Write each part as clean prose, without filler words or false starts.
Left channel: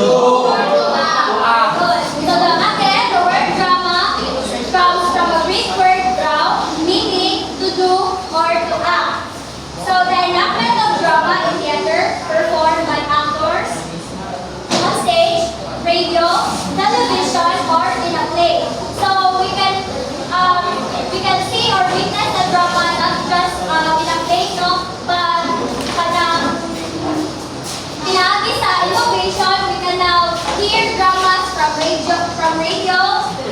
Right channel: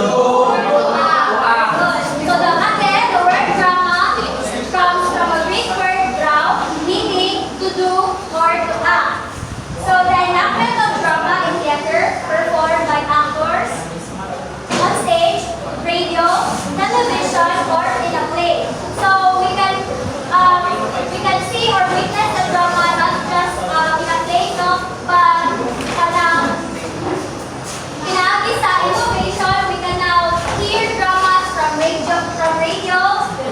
Good. So the again, the word drama comes from a Greek word drau, meaning to do or to act. So the enactment of drama in theater performed by actors on stage, radio, television, or in a play. So we can see or witness the drama not just in a play, no, but pinagi sa innovation, we can now hear dramas from radio.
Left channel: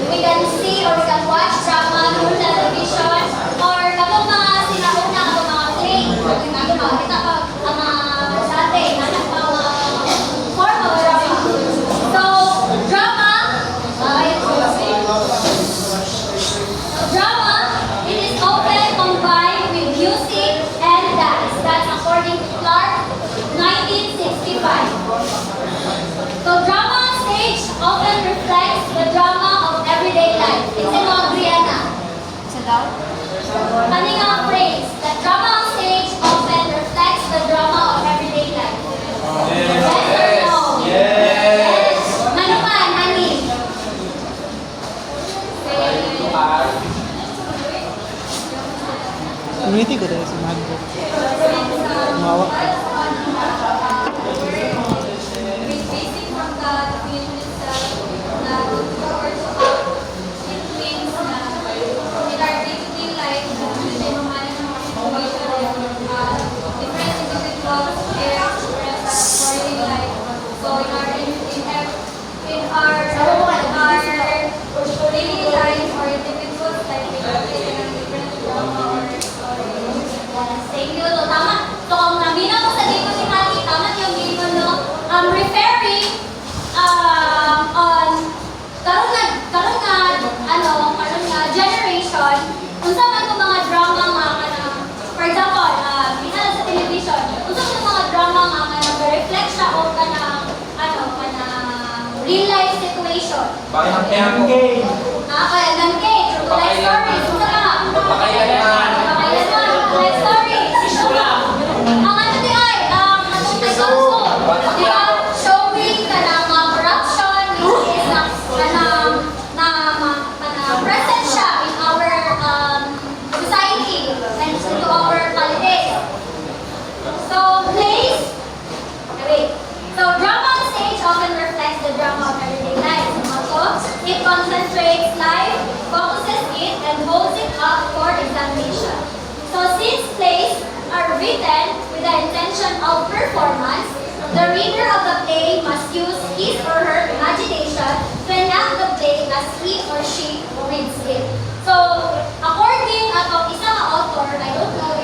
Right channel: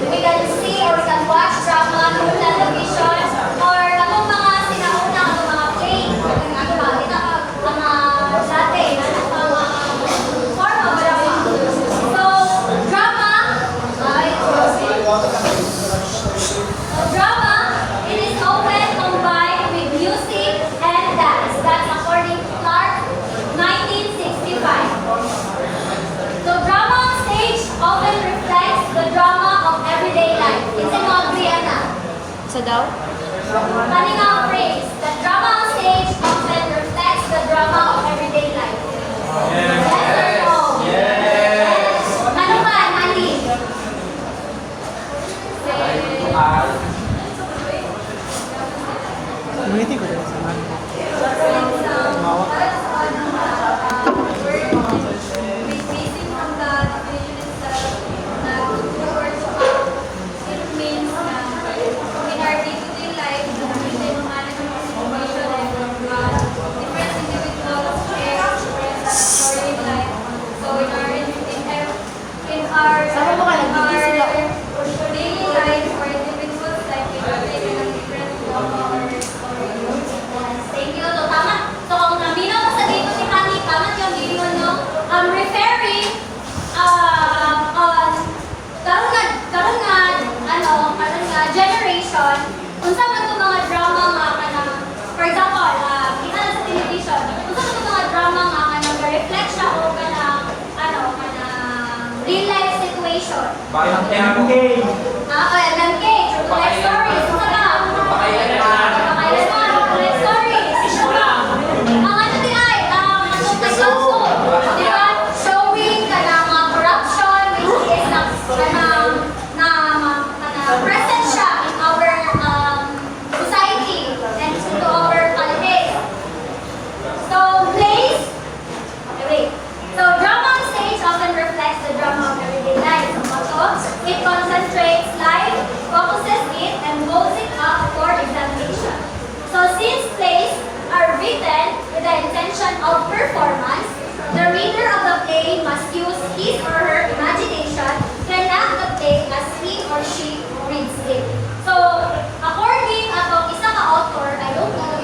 We can see or we can watch drama through television or itong mga sinauna o mga play. Ang mga dati, mga form of drama. So, drama, it is often combined with music and dance. That's according to Clark, 1965. So drama on stage often reflects the drama of everyday life. It's an Adriana. So daw? Kaninga phrase, the drama on stage often reflects the drama of everyday life. Yes or no? Yes. Ano pa, honey? Community ko dahil sa mga ko. Basing from the definition itself, na towards it means na in our day-to-day life, usually mamalas ng mga situation like different individuals share different story life. So in our daily life or individuals life, we are taking a different drama or story. Thank you. So tama. So ang naminaw ko sa dito si Honey, tama yung dito, no? Referring on karon nga generation unsa man to mga drama nga kanang for example kita sa television unsa man to mga drama nga kanang reflect siya o kanang real life situation Parang ng game. kaya ng cage or life stories unsa ka life stories ang ano di ay katong may gusto di ba showing kanang corruption which is present siya in our society and to our politics. So plays, so drama on stage often reflects the drama of everyday life. So it concentrates life, focuses it, and holds it up for examination. So since plays are written with the intention of performance, the reader of the play must use his or her imagination to enact the play as he or she reads it. So, according to isang author, I don't know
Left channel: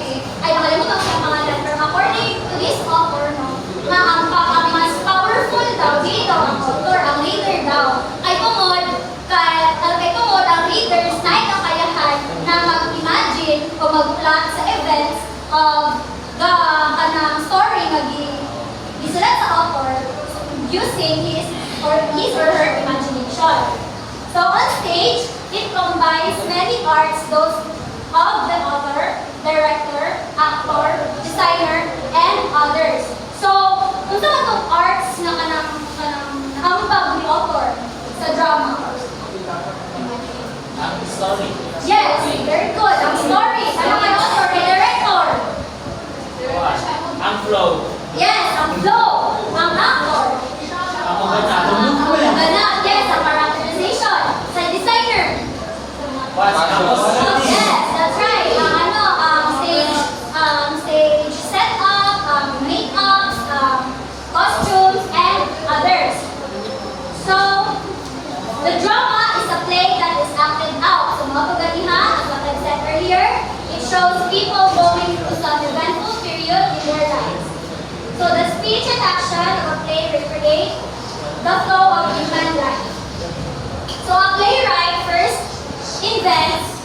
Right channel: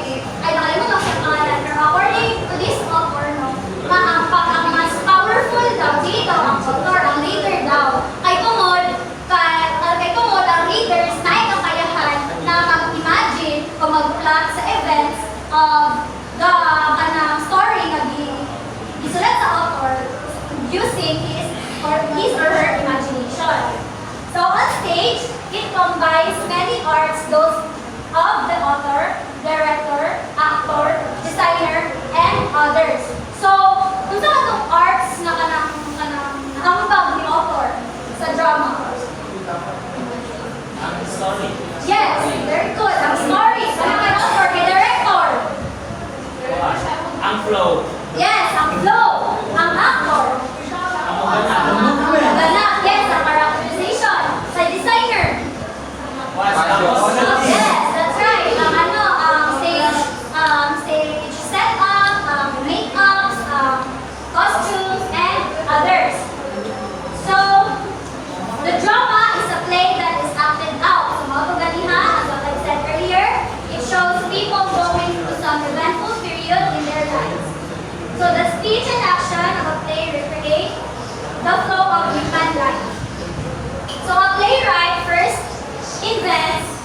ay nakalimutan ko yung pangalan, pero according to this author, no, ang mas powerful daw dito ang author, ang reader daw, ay tungod ang readers na kakayahan na mag-imagine o mag-plot sa events of the story na gisulat sa author using his or her imagination. So on stage, it combines many arts, those of the author, director, actor, designer, and others. So, unsa man tong arts na kanang ambag ni author sa drama? Ang story. Yes, very good. Ang story. Ano kay author, kay director? Ang flow. Yes, ang flow. Ang actor. Ang maganda. Ganap, yes, ang characterization. Sa designer. Yes, that's right. Stage setup, makeups, costumes, and others. So, the drama is a play that is acted out. So, mga tuganiha, as what I said earlier, it shows people going through some eventful period in their lives. So, the speech and action of a play recreate the flow of human life. So, a playwright first invents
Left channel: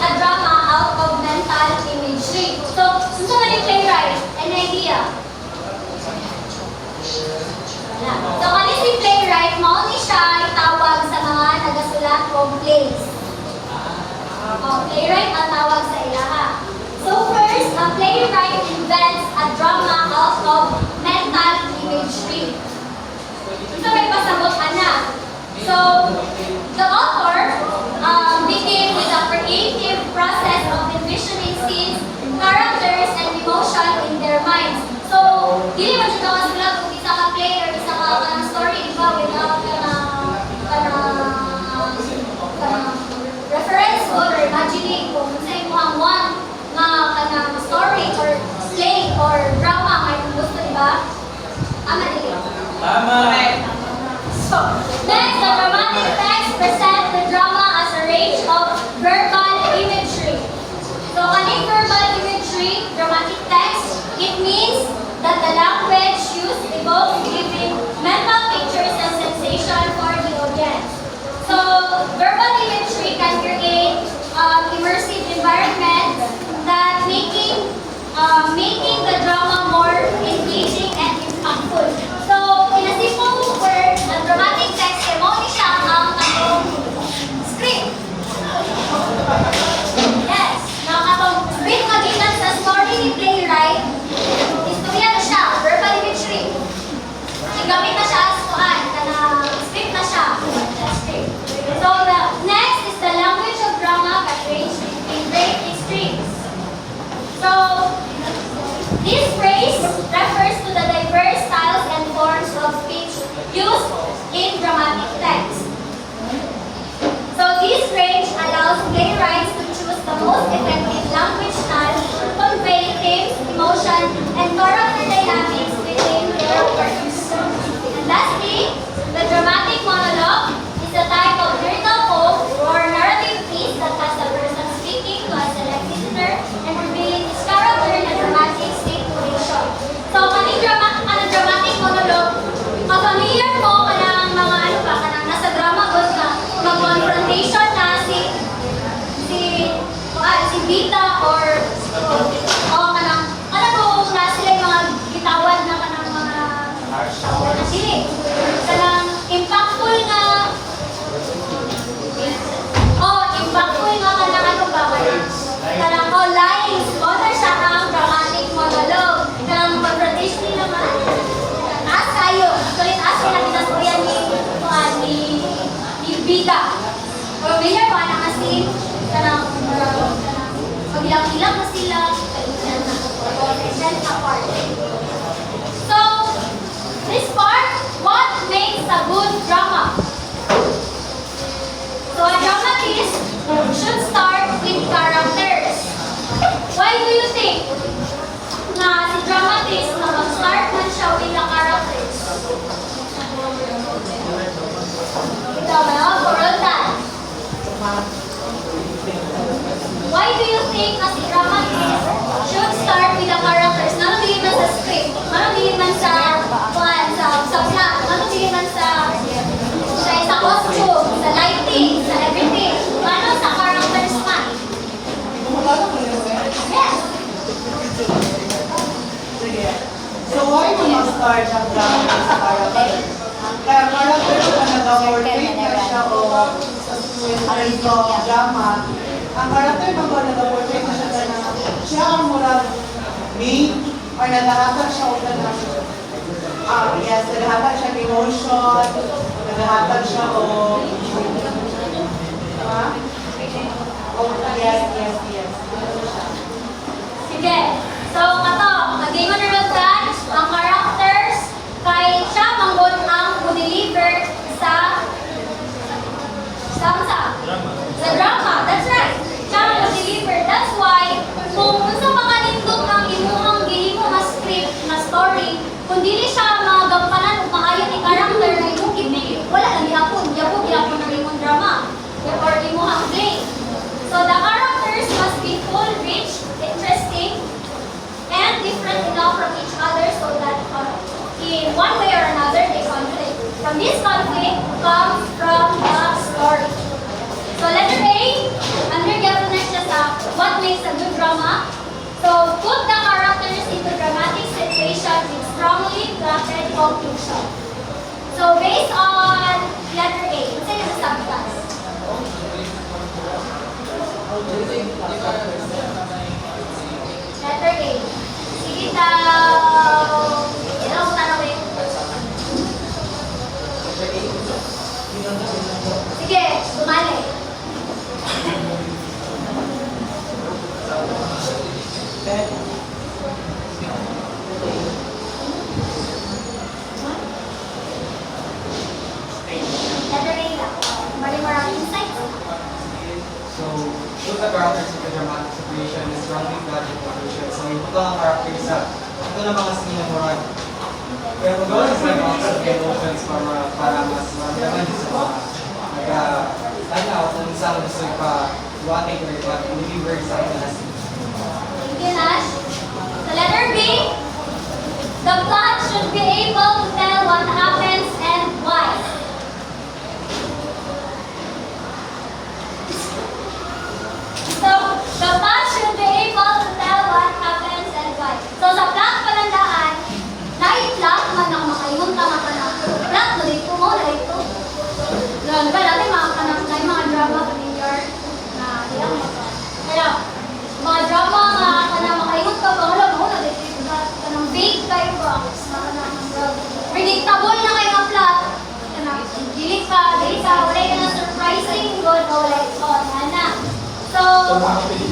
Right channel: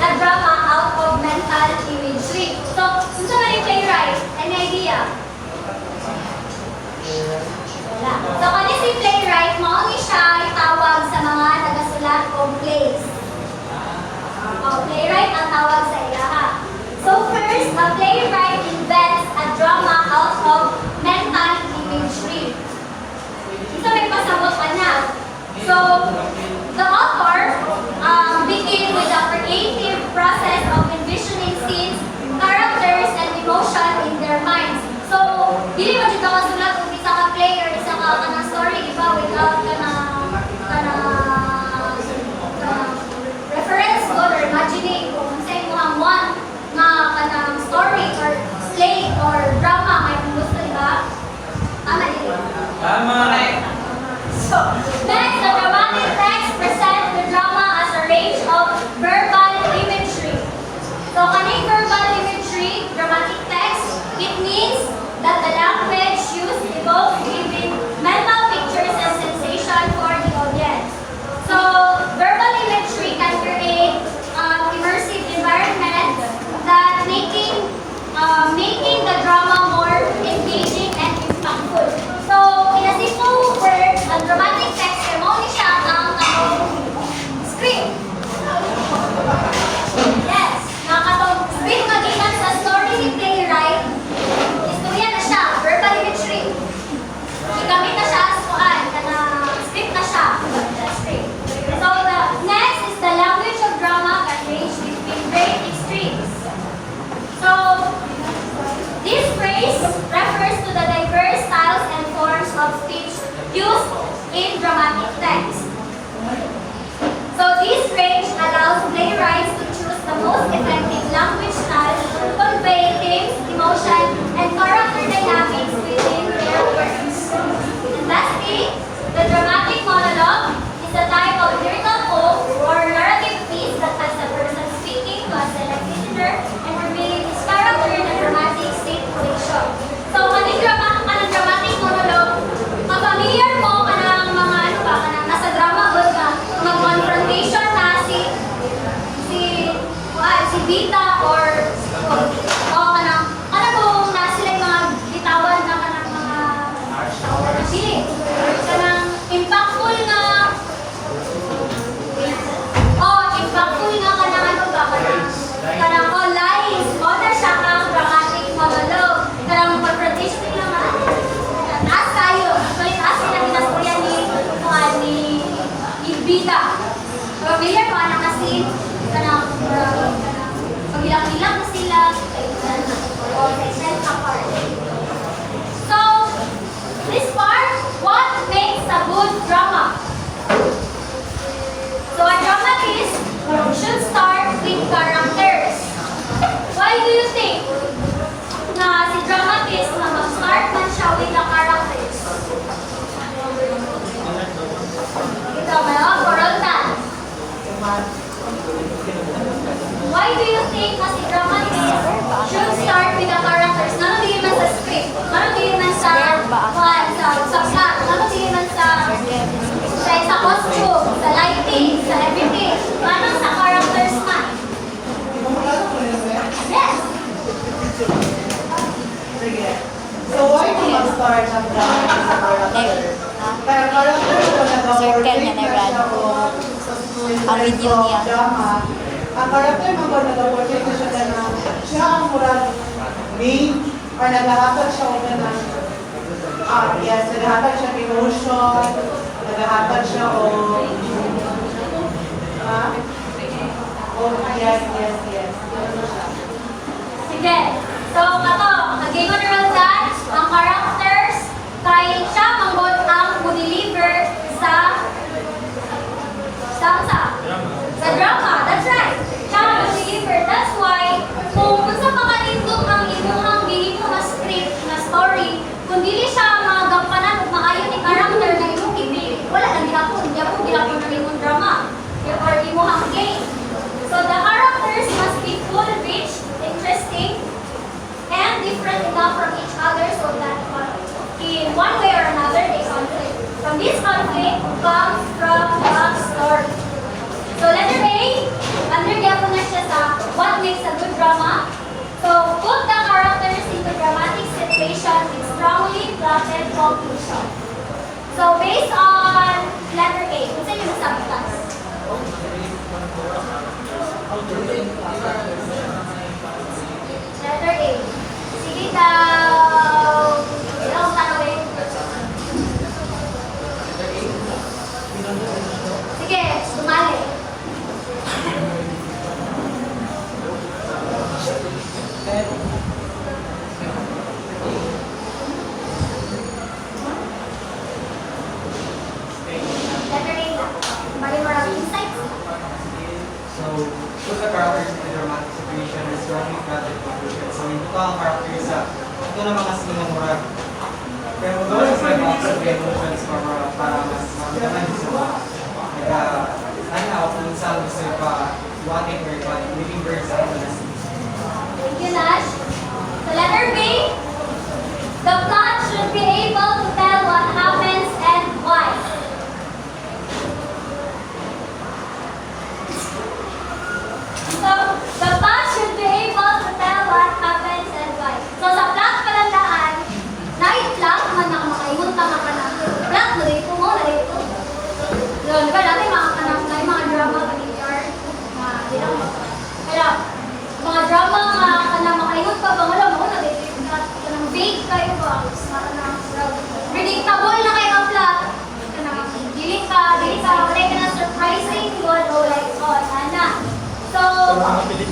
a drama out of mental imagery. So, unsa man yung playwright? Any idea? Wala. So, kani si playwright, mao ni siya itawag sa mga nagasulat og plays. Playwright ang tawag sa ilaha. So, first, a So, the author begin with a creative process of envisioning scenes, characters, and emotion in their minds. So, dili mo siya makasulat kung isa ka play or isa ka kanang story, di ba? Without reference or imagining kung sa imo ang one na kanang story or play or drama may gusto, di ba? Tama din. Tama. So, next, the dramatic text present the drama as a range of verbal imagery. So, kaning verbal imagery, dramatic text, it means that the language used evokes vivid mental pictures and sensation for the audience. So, verbal imagery can create immersive environment that making the drama more engaging and impactful. So, in a simple word, a dramatic text ay mo ni siya ang script. Yes, nakatong script magitan sa story ni playwright. Istorya na siya, verbal imagery. Igamit na siya as kuan, kana script na siya. Script. So, the next is the language of drama that range between great extremes. So, this phrase refers to the diverse styles and forms of speech used in dramatic text. So, this range allows playwrights to choose the most effective language style to convey themes, emotion, and character dynamics within their works. And lastly, the dramatic monologue is a type of lyrical poem or narrative piece that has a person speaking to a select listener and revealing his character in a dramatic situation. So, kaning dramatic monologue, ang familiar mo kanang mga ano ba, kanang nasa drama good ka, mag-confrontation na si Vita or kanang, alam mo, na sila yung mga bitawan na kanang mga sili. Kanang impactful nga kanang ano ba, kanang lines, na siya ang dramatic monologue. Kanang confrontation naman, taas tayo. Actually, taas kayo natin ang storya ni Vita. Familiar mo, anak kasi, kanang pag-ilang-ilang na sila, apart. So, this part, what makes a good drama? So, a dramatist should start with characters. Why do you think na si dramatist na mag-start man siya with the characters? Ito, mga Coroltan. Why do you think na si dramatist should start with the characters? Ano tingin man sa script? Ano tingin man sa plot? Ano tingin man sa costume, sa lighting, sa everything? Ano sa characters man? Yes! So why mo mag-start ang drama sa character? Kaya character ko nag-work na siya o in terms of drama. Ang character mo ba nag-work na siya na siya ang murag main or naghahatag siya o na yes, naghahatag siya ng emotion, naghahatag siya o yes. Sige. So, nag-ingon naman dyan, ang characters, kay siya manggod ang deliver sa drama. That's right. Siya ang deliver. That's why, kung unsa makalindot ang imuhang gihimo na script, na story, kung dili siya magampanan o maayon ni character na imong gipili, wala lang gihapon ng imong drama or imuhang play. So, the characters must be full, rich, interesting, and different enough from each other so that in one way or another they conflict. From this conflict comes from the story. So letter A, under-gathered na siya sa what makes a good drama. So put the characters into dramatic situation with strongly plotted conclusion. So based on letter A, unsa yung nasabi class? Letter A. Sige daw. Ilang tanawin? Letter A lang. Bali mo lang insights. So, show the characters in the dramatic situation is strongly plotted conclusion. So, ito ang character sa ito na mga scene mo rin. Kaya mo gawin sa mga observe emotions para mas maramdaman din sa mga nag ako kung saan gusto pa watching or living birds sa ito na scene. Thank you, Nash. So letter B, the plot should be able to tell what happens and why. So, the plot should be able to tell what happens and why. So, sa plot palandaan, na-plot man na makaingon tama ka na. Plot, narito mo, narito. Yun, diba dati mga kanak na yung mga drama player na ilang kaya, mga drama nga kanang makaingon ka ba, wala mo, kanang vague kayo ba, predictable na kayo ang plot. Kanang dili ka, wala ka na surprising good, o like, nana. So the plot should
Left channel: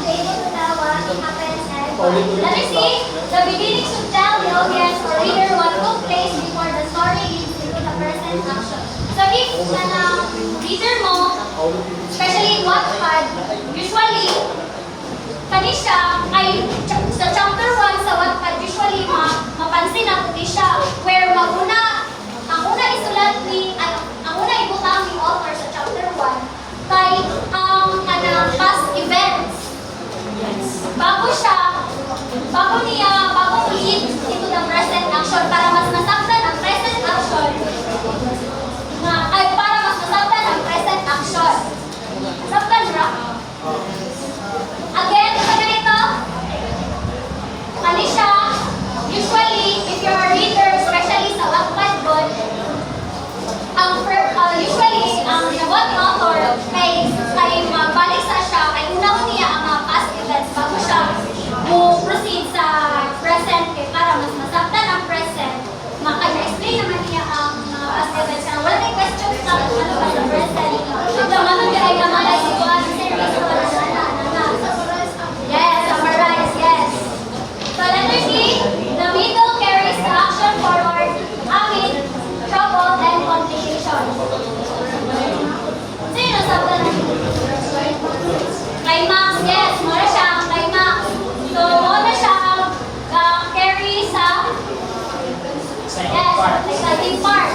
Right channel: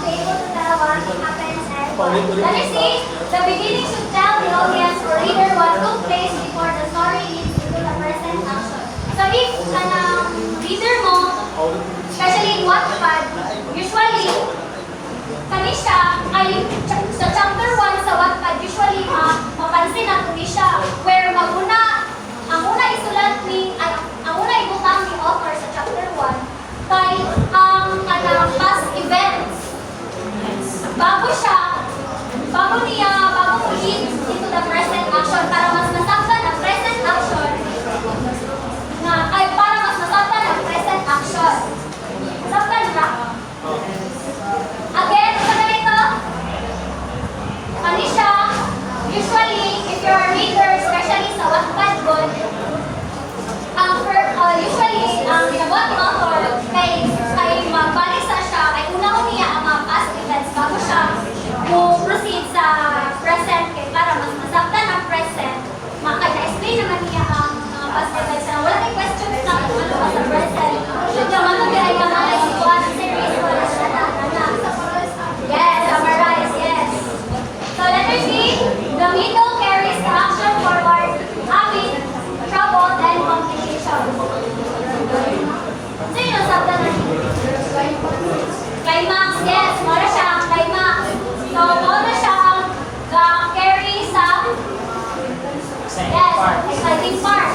be able to tell what happens and why. Let me see. The beginning should tell the audience or reader what took place before the story leads into the present action. So if reader mo, especially in Wattpad, usually kani siya ay sa chapter 1 sa Wattpad usually mapansin nato ni siya where ang una isulat ni ang una ibutang ni author sa chapter 1 kay ang past events. Bago mo lead into the present action para mas nasaktan ang present action para mas nasaktan ang present action. Saktan ra? Again, sa ganito, kani siya, usually, if you're a reader, especially sa Wattpad book, usually, ang nabot ni author, kay magbalik sa siya, ay una niya ang mga past events bago siya proceed sa present kay para mas masaktan ang present. Maka-explain naman niya ang mga past events na wala tayong questions na ano ba sa present. Naman ang ay naman si Juan series na yes, summarize, yes. So letter C, the middle carries the action forward amid trouble and complication. Sino sabta na climax, yes, muna siya ang climax. So, muna siya ang carry sa yes, exciting part.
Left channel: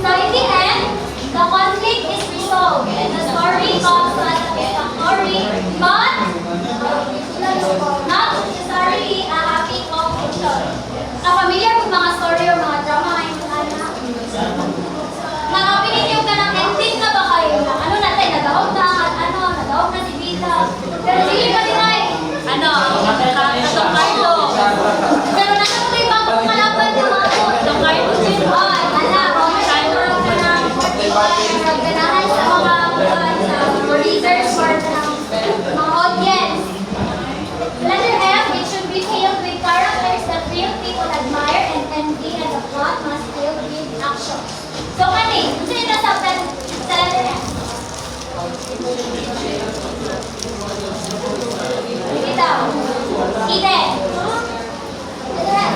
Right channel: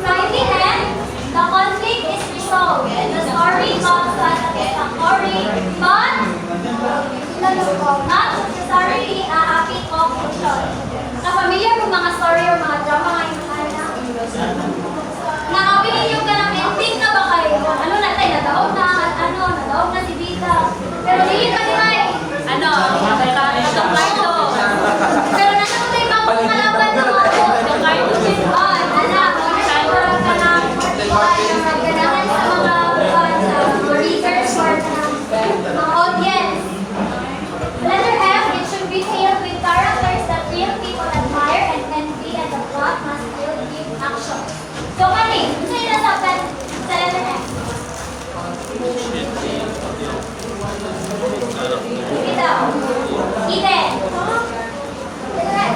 So, in the end, the conflict is resolved and the story comes to a satisfactory but not necessarily a happy conclusion. Familiar mo mga story o mga drama ngayon anak? Nakapinigyan ka ng ending ka ba kayo? Ano na tayo, nadaog na si Bida. Pero hindi pa din ay, pero nasa ko na ibang kumalaban ng mga ganahan sa mga readers or mga audience. Letter F, it should be filled with characters that real people admire and envy, and the plot must filled with action. So, kani, gusto nyo nasabtan sa letter F? Sige daw. Eden. Letter F.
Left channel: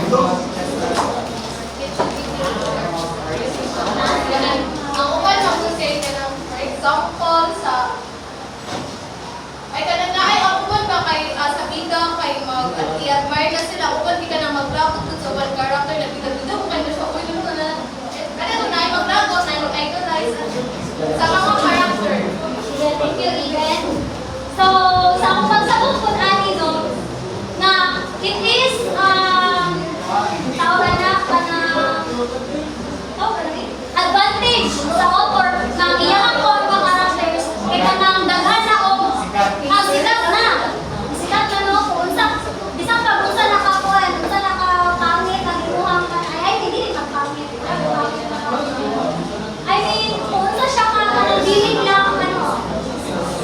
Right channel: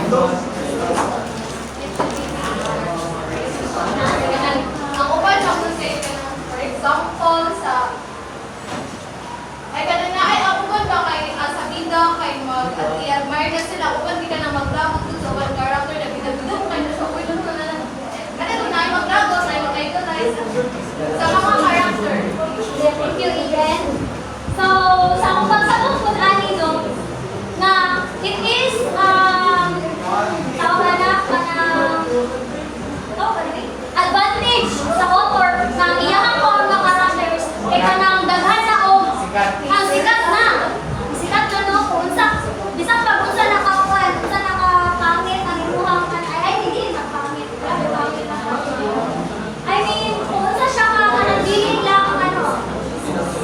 Ang uban na kung say ka ng, for example, ay kanang na ay ang uban ba kay sa bida kay i-admire na sila uban di ka nang magdamot dun sa one character na bida mo kayo sa uy na lang kanang na ay magdamot na ay idolize sa mga character. Yes, thank you, Eden. So, sa akong pagsabot po no, na it is, tawag na, advantage sa author na iyakang ko ang mga characters kaya kanang daghan na o ang sikat na no, kung bisang pag unsa nakakuan, unsa nakapangit ang imuhang ay hindi rin magpangit. I mean, kung unsa siya ka, dilid lang,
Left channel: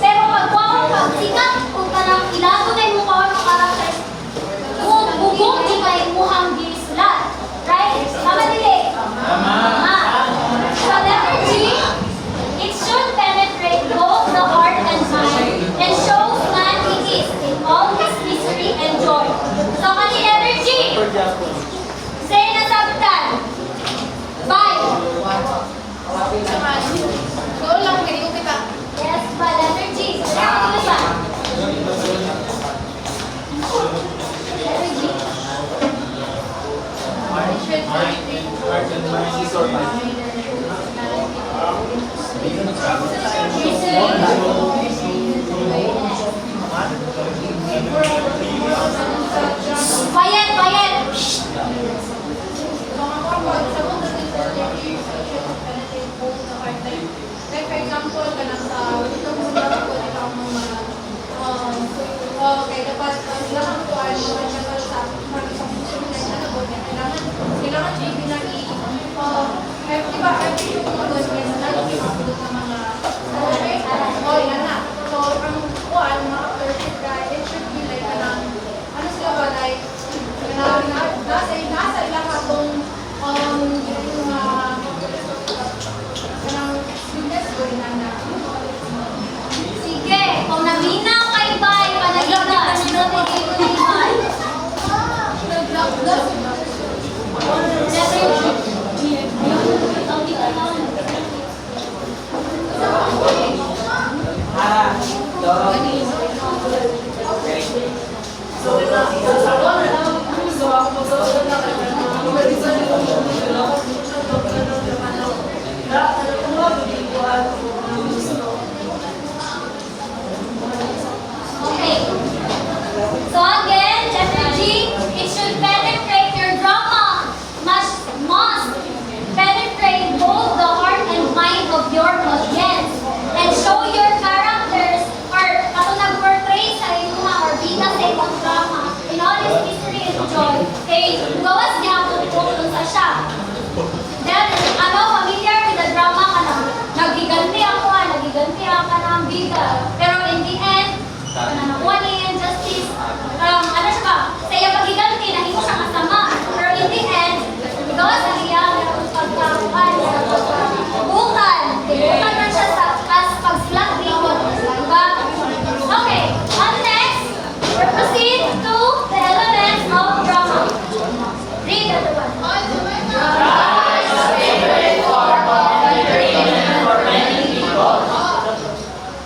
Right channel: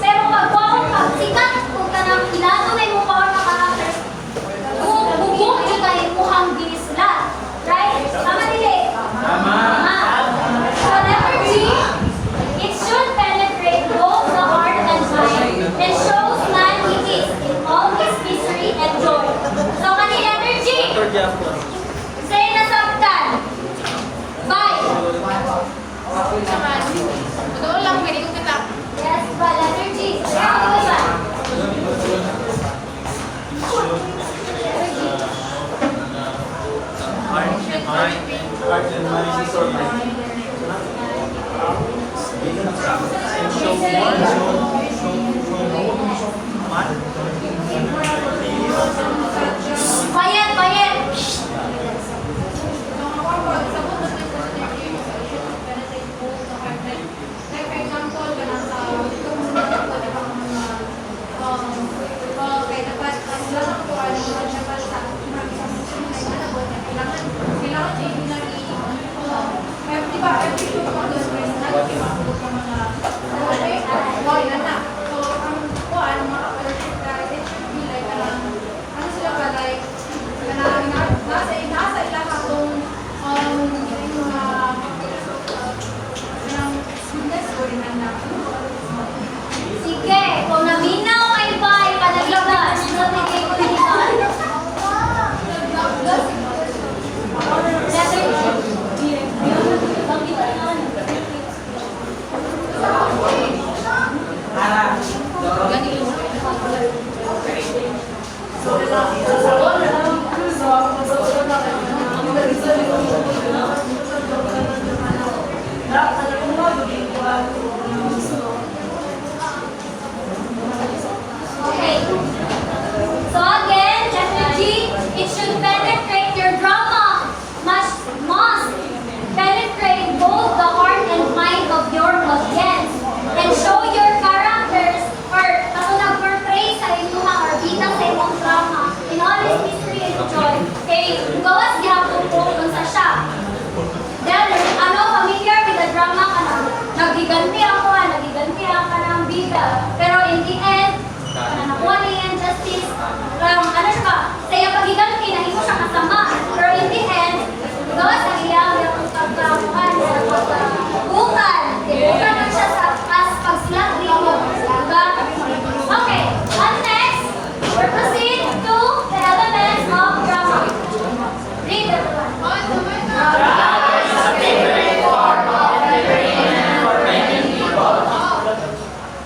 pero pag Gupitan. 5. Doon lang, pwede ko kita. Yes, ba? Letter G. Kaya ako ba? Letter G. Quiet, quiet. Like for example, kanang sa itong mga di ba ang mga kay dapat kailangan ko ano man siya para sa mga puso nila ano ba kailangan baby na i di ba every shoot mo doon may nalagay ako ka mga yan na. So ang kuan mga urgent ka it should be like kanang ano sila ba like kanang nasa ilang atong yung kanang goodness ko rin na Sige, kung naminaw kay Bay, panagigan. Nabigay ko na iban. Letter G. Okay. So again, letter G, it should penetrate your drama. Must penetrate both the heart and mind of your audience and show your characters or ako nag-portray sa inyong or bida sa inyong drama in all its mystery and joy. Okay, gawas gyapon po kung sa siya. Then, familiar with the drama ka na, nagiganti ako, nagiganti ako ka ng bida. Pero in the end, nakuha niya yung justice. Ano siya ba? Saya pagiganti, nahimo siya kasama. Pero in the end, gawas ang iyang pagkakuan, bukal. Bukal na siya sa pag-slot dito. Diba? Okay, on next, we proceed to the elements of drama. Read everyone.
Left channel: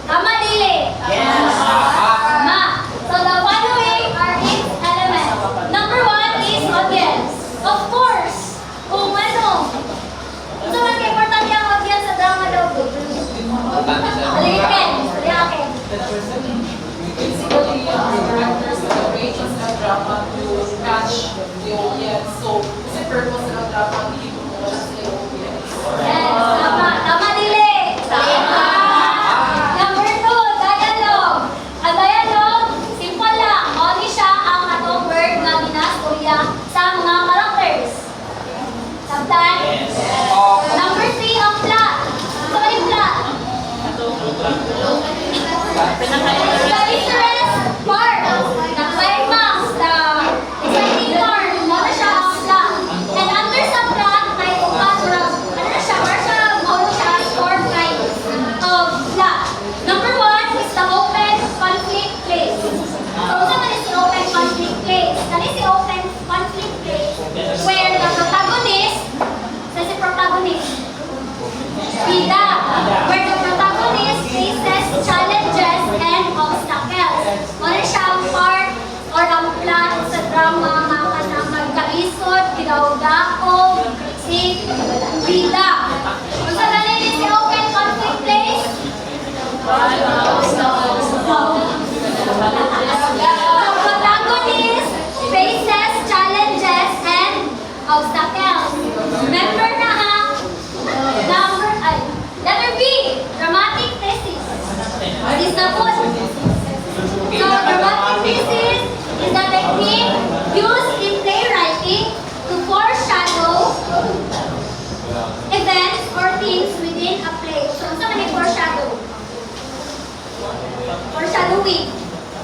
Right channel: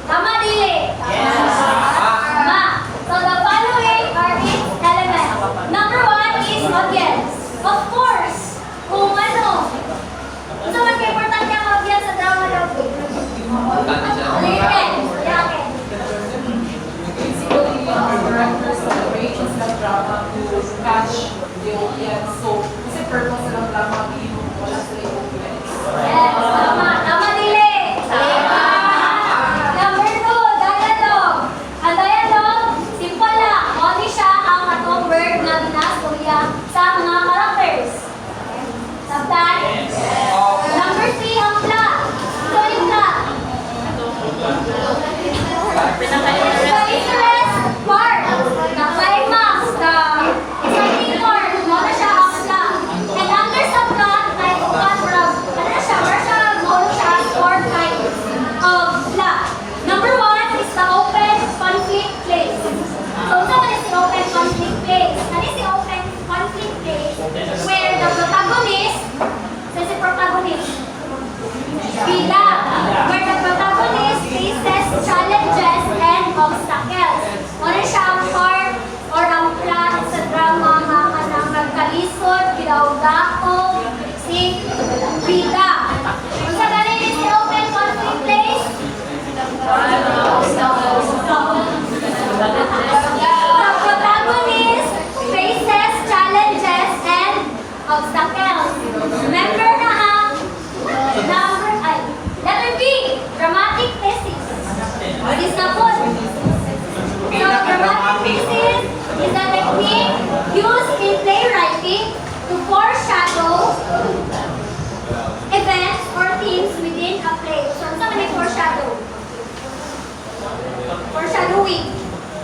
Tama, Dili? Tama. So the following are its elements. Number 1 is audience. Of course, kung ano. Ito man kayo importante ang audience sa drama daw po. Alingin. Yeah, okay. Basically, directors and creators ng drama to catch the audience. So, kasi purpose ng drama, hindi mo wala sila yung audience. Yes, tama. Tama, Dili. Number 2, dialogue. Ang dialogue, simple lang. Only siya ang atong word na ginastorya sa mga characters. Sabtan? Number 3, ang plot. Ito ba yung plot? The interest part, the climax, the exciting part, wala siya ang plot. And under sa plot, ay upat, ano na siya, martial, siya as 4 kinds of plot. Number 1 is the open conflict place. So, saan is the open conflict place? Ano is the open conflict place? Where the protagonist, si protagonist, bida, where the protagonist faces challenges and obstacles. Ano siya ang part or ang plot sa drama na kanang nagkalisod, gidawdako, si bida. Kung saan ano is the open conflict place? The protagonist faces challenges and obstacles. Remember na ha? Letter B, dramatic thesis. What is the put? So, dramatic thesis is the technique used in playwriting to foreshadow events or themes within a play. So, saan man yung foreshadow? Foreshadowing.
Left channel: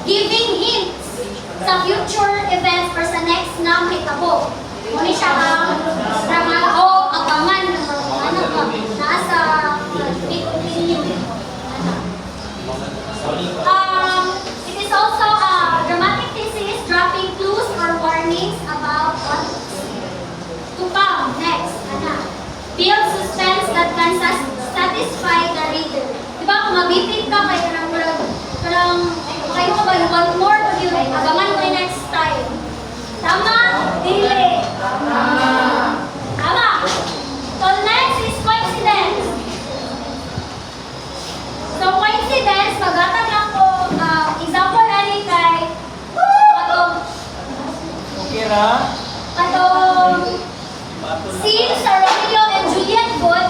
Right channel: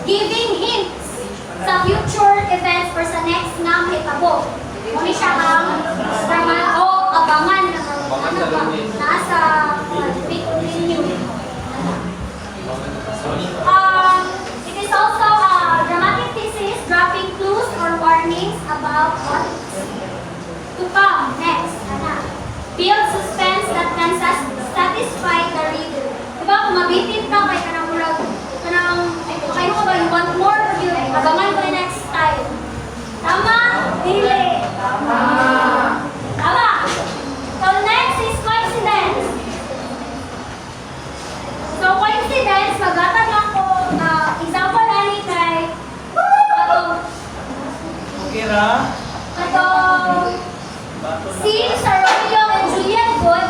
Giving hints sa future events or sa next na mahitabo. Muna siya ang drama o abangan ng ano ba, nasa big opinion. It is also a dramatic thesis dropping clues or warnings about what to come. Abangan ko yung next time. Tama? Dili. Tama. So next is coincidence. So coincidence, magatag lang ko, example ani kay atong scene sa Romeo and Juliet good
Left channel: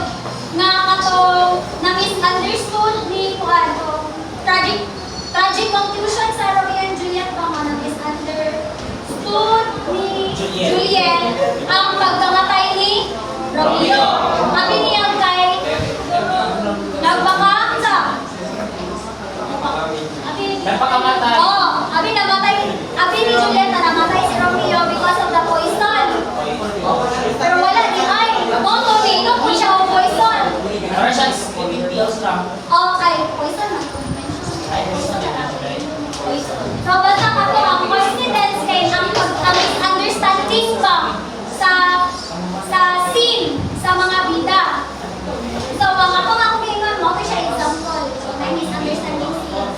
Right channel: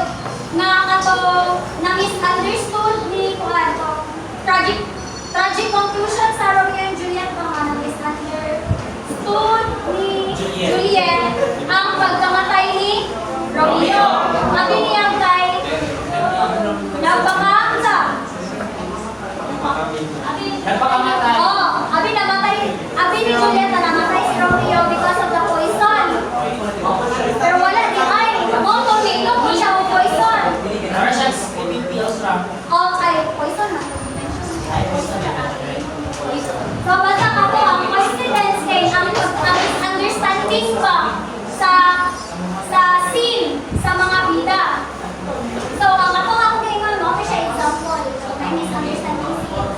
nga atong na-misunderstood ni kuan to tragic conclusion sa Romeo and Juliet nga na-misunderstood ni Juliet ang pagkamatay ni Romeo. Abi niya kay nagpakaamsa. Abi namatay. Abi ni Juliet na namatay si Romeo because of the poison. Pero wala di ay. Moto ni ino po siya ang poison. Okay, poison na. So basta ako ang coincidence kay ang misunderstanding pa sa scene sa mga bida. So ang ako gingon mo kay siya example. So may misunderstanding scene.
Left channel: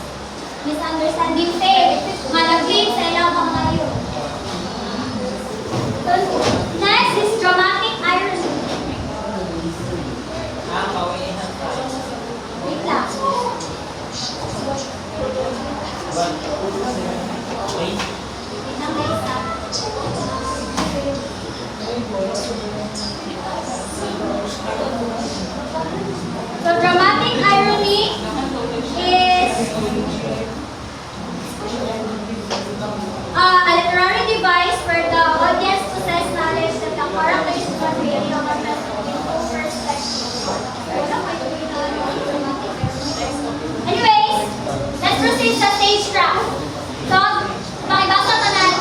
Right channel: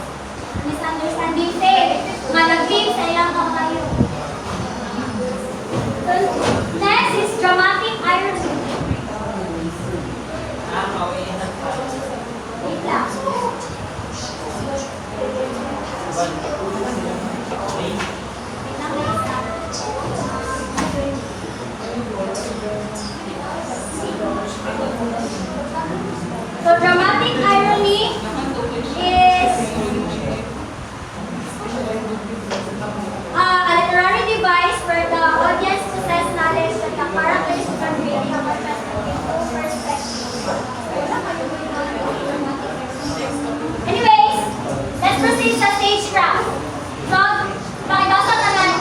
Misunderstanding faith. Nga nag-lead sa ilang mga yun. So, next is dramatic irony. Wait lang. Wait lang, next time. So dramatic irony is a literary device where the audience possess knowledge that the characters convey from a perspective. Anyways, let's proceed sa stage craft. So, pakibasa naman.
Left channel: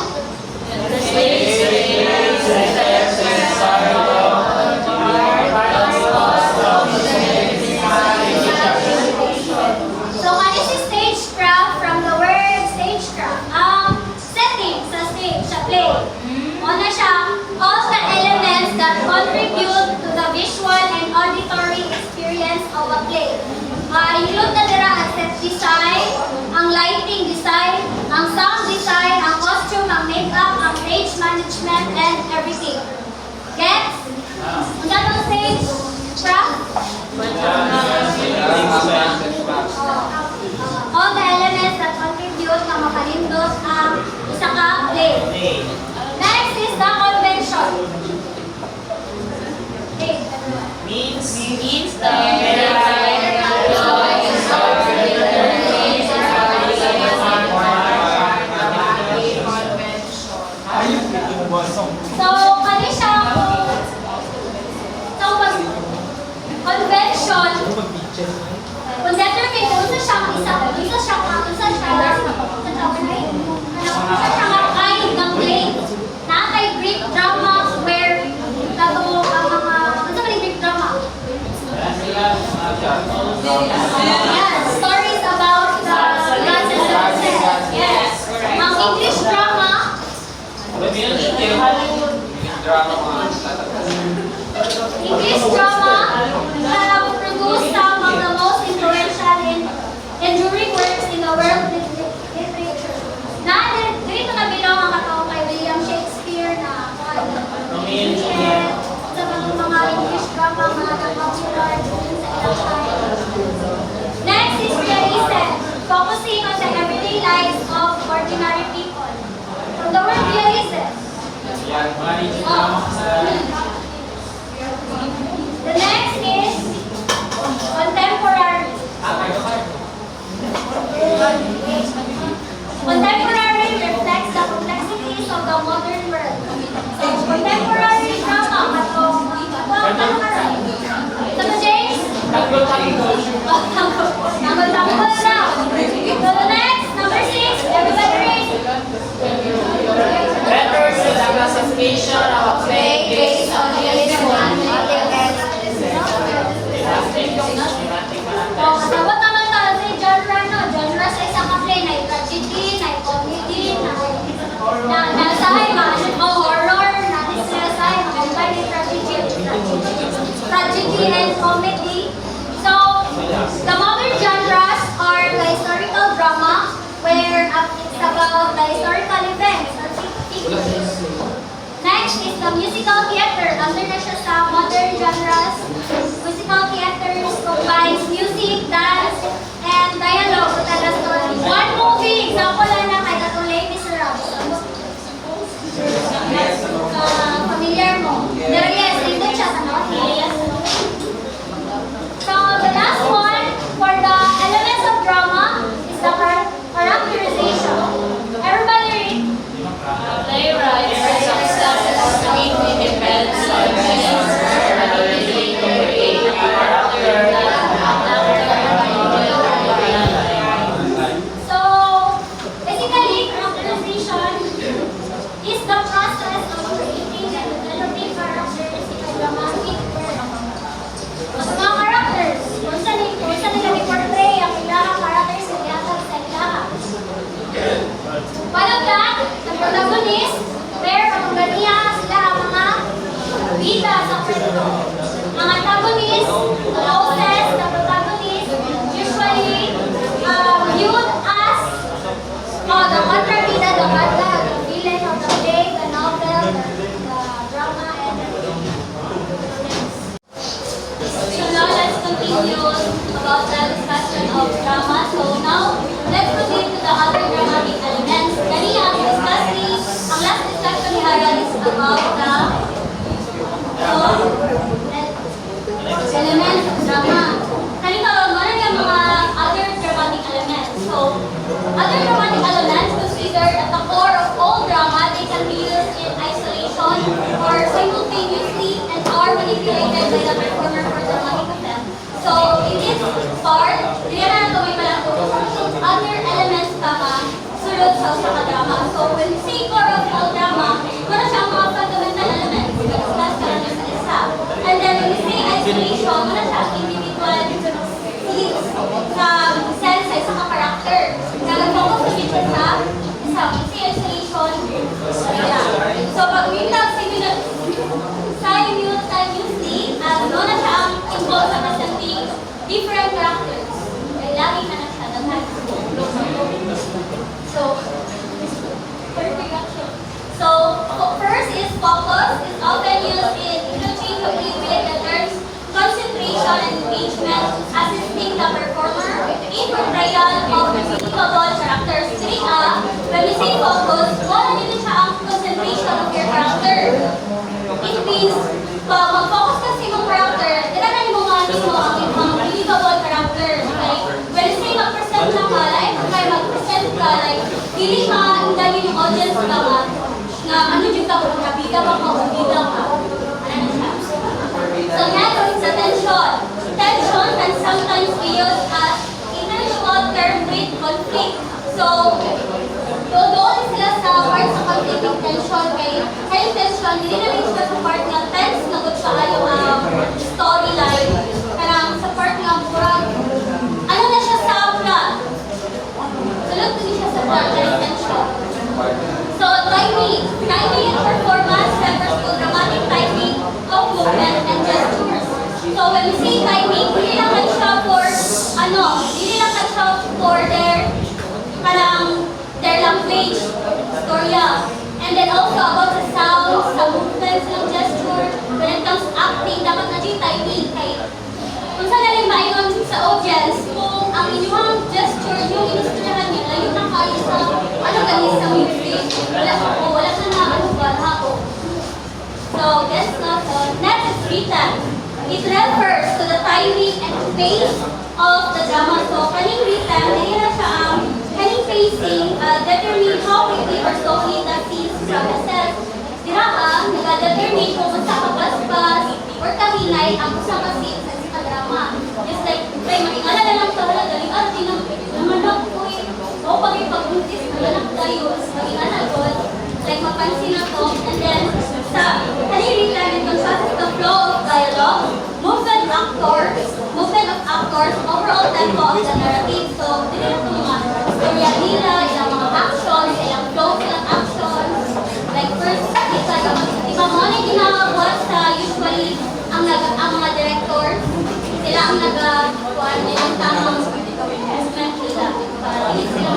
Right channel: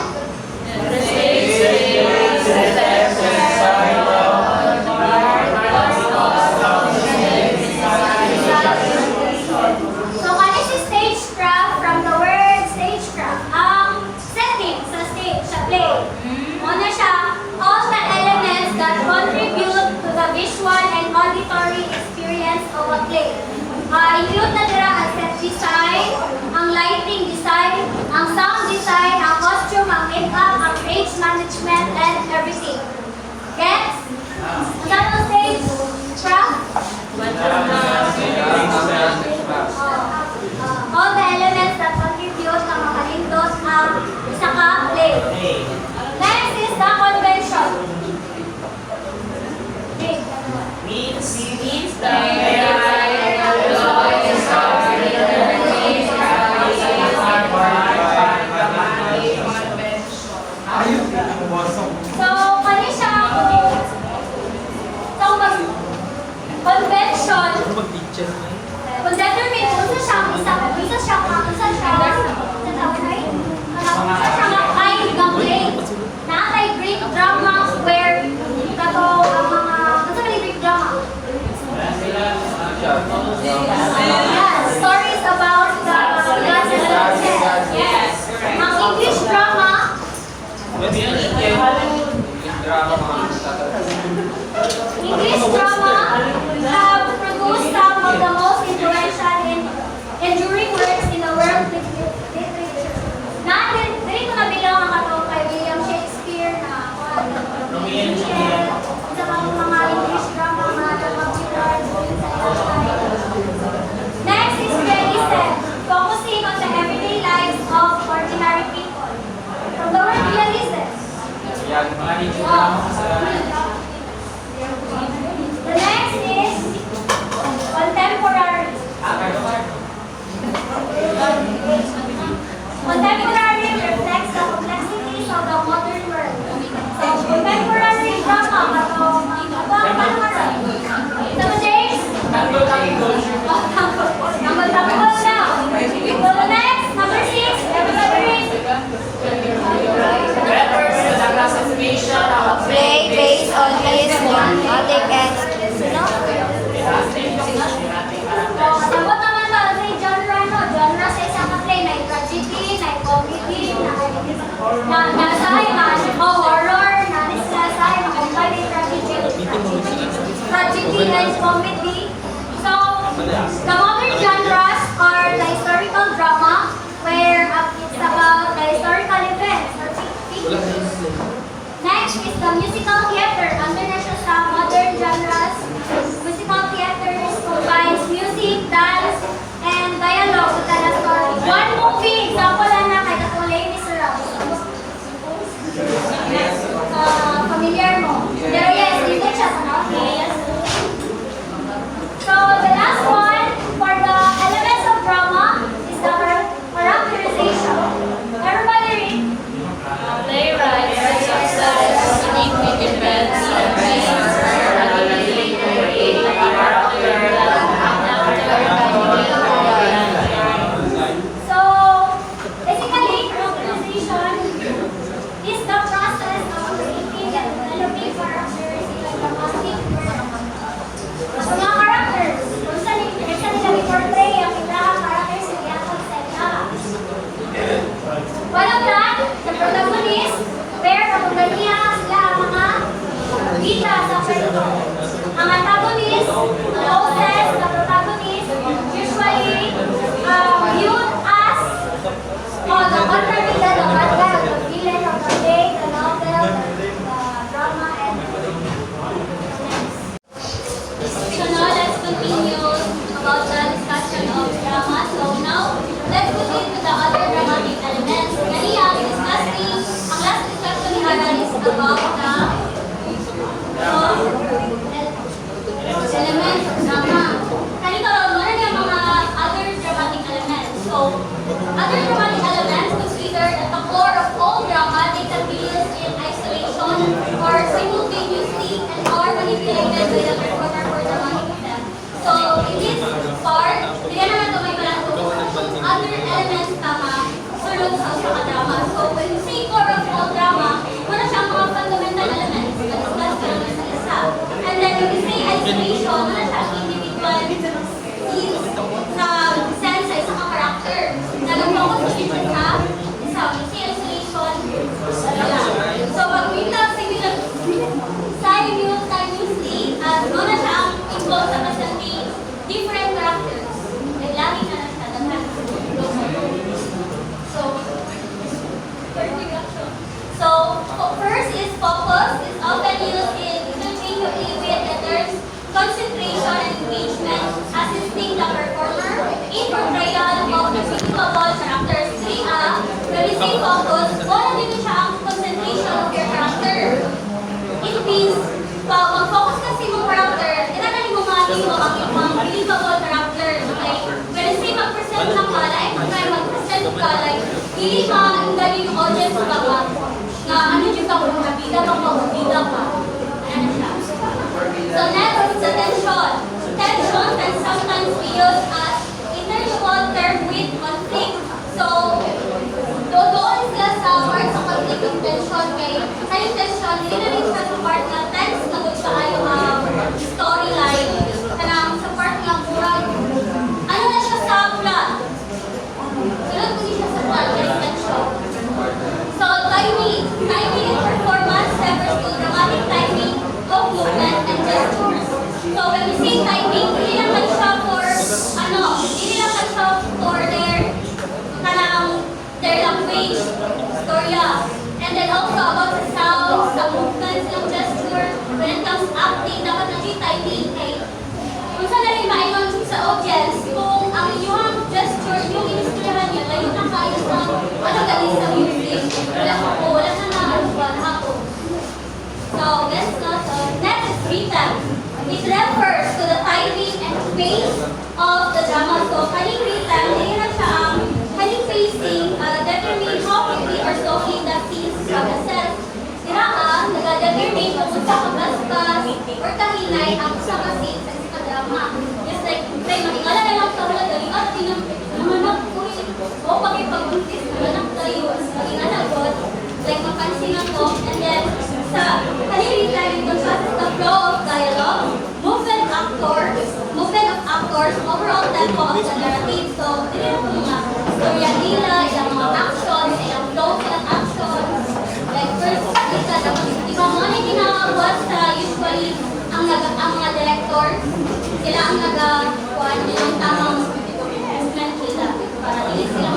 So, ano si stagecraft from the word stagecraft? Setting sa stage, sa play. Ano siya? All the elements that contribute to the visual and auditory experience of a play. Include na dira ang set design, ang lighting design, ang sound design, ang costume, ang makeup, ang stage management, and everything. Gets? Ang gatong stage craft? All the elements that contribute na makalindot ang isa ka play. Next is the convention. Okay. Means the So, kani siya convention. Kung determine kung isa siya kind ng play. Nakakay Greek drama where kato ang mga Greek drama. Yes, stories about the gods and goddesses. Yes. Ang English drama. English drama have produced some of the most influential and enduring works in the world literature. Dito na bilang ang katao kay William Shakespeare na Juliet, sa mga English drama mga nag-popular sa Next is realism, focusing on the everyday lives of ordinary people. From the word realism. The next is contemporary. Contemporary reflects the complexities of the modern world. So, contemporary drama, Sabi James? Tanggol now. So, the next, number 6, everybody read. representation of a play based on its romantic and Kasabot naman to, sa genre, no? Genre sa isang play, na tragedy, na comedy, na sahay, horror, na sahay, combine tragedy and comedy. So, the modern genres are the historical drama, where it's about the historical protagonist, where ang ganiya sila ang mga bida sa kwento. Ang antagonist, ang hostess, the protagonist, usually viewed as the contrabida, the bad guy, the villain of the play, the novel, the drama, and so now let's continue about the discussion of drama. So now let's proceed to the other dramatic elements. Kanina, ang last discussion ni Haran is about the elements of drama. Kanina, meron yung mga other dramatic elements. So, other dramatic elements considered at the core of all drama. They can be used in isolation or simultaneously and are manipulated by the performer for dramatic effect. So, in this part, diyan na ito may palang other elements tama sulod sa drama. So, when we say core of all drama, muna siyang mga fundamental elements. Discuss ko lang yung isa. And then, when we say isolation, muna siyang individual scenes sense sa isang character na nag-focus sa dito sa isang isolation. So, pag we talk simultaneously, no na siya ang involved sa presenting different characters. Ay, lagi na na siya dahil. So, first is focus. It's often used interchangeably with the terms concentration and engagement, assisting the performer in portrayal of believable characters. 3A, when we say focus, wala dito siya ang concentration of your character. It means, pag mag-focus kasi mong character, tinatali mo mga ang believable character. Like, when you say mag-present ka, like, when mag-present ka, like, hindi ka, dahil yung audience ka ba, na ano yung ka, nabida ka pa, nabida ka. Ano siya? So next is the tension. Tension can sometimes be used as intermutual term with conflict. So, doon sila sa part sa conflict ng tension, kaya tension, hindi na rin siya sa part na tense na good pa yung storyline. Karang sa part nga murag, ano na siya sa plot? Sunod ko siya sa part na tension. So, timing and performance refers to dramatic timing of movement and gestures. So, when we say timing, hindi lang siya for, hindi lang siya for their language, storya. And then also about the sounds, the movements, the gesture. When it comes to acting, dapat na yung timing. Kung saan natin maingon sa audience, kung ang inyong gesture, yung inistoryahan niya, layo na kayo sa, galing sa music. Wala na ako. So, next is written. It refers to the timing and pace of the drama. So, kaning written, hindi na siya kaning pacing, determine how quickly or slowly the scenes progresses. Diraan, nag-determine kung unsa kabasbas or kahinay ang usang scene sa isang drama. Just like, magingala na lang sa wala, daling namanok ko o pag-ipag-buntis, namanok tayo, magingala god, like mapansin na to, and then, sa kaning written, it consists the flow of dialogue, movement of actors, overall tempo of the narrative. So, hindi na ito mga storya nila, ilang mga actions, ilang flow ng actions. Like first, di ba mga na ginagawa sa usually ang mga director, sila ang nagawa nilang tamang movement nila. Para hindi sila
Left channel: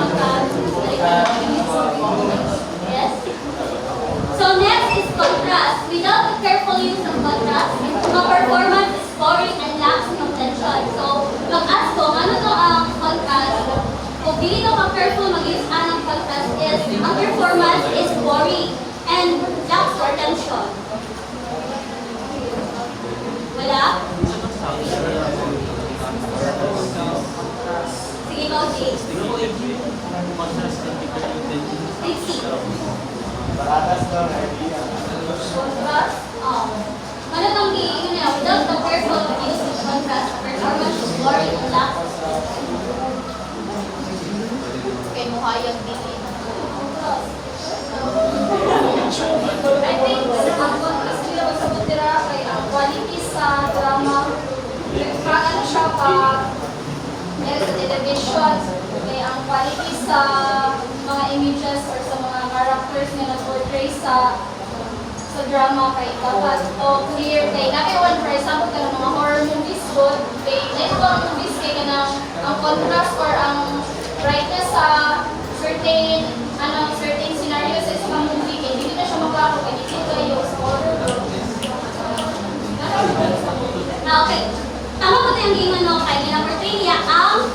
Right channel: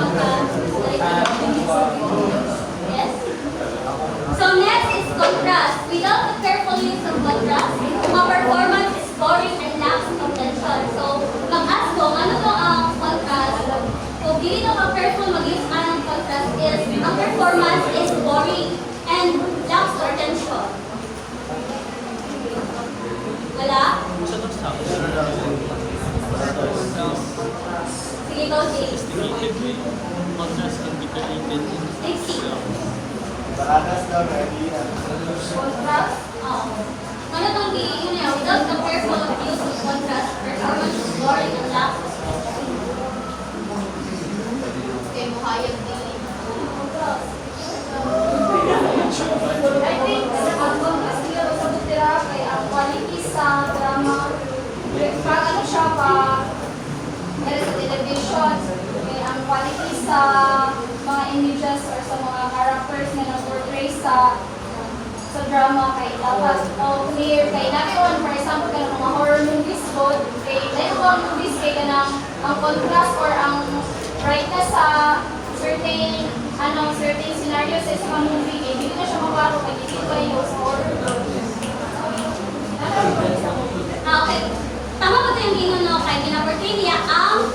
Yes? So next is contrast. Without the careful use of contrast, ang performance is boring and lacks contention. So, mag-ask ko, ano to ang contrast? Kung hindi to mag-careful mag-use ang contrast is, ang performance is boring and lacks contention. Wala? Sige, go, James. Contrast can be created in Contrast? Ano itong without the careful use of contrast, performance is boring and lacks. Kaya muhayag din. I think ang contrast nila sa butira kay ang quality sa drama. Pag ano siya, pag sa television, kay ang quality sa mga images or sa mga character characters nga nag-portray sa drama kay dapat o clear kay nakiwan for example kanang mga horror movies ko kay like horror movies kay kanang ang contrast or ang brightness sa certain certain scenarios sa isang movie kay hindi na siya mabago kay hindi kayo sa horror okay. Tama ko ito yung gingon no kay ginaportray niya ang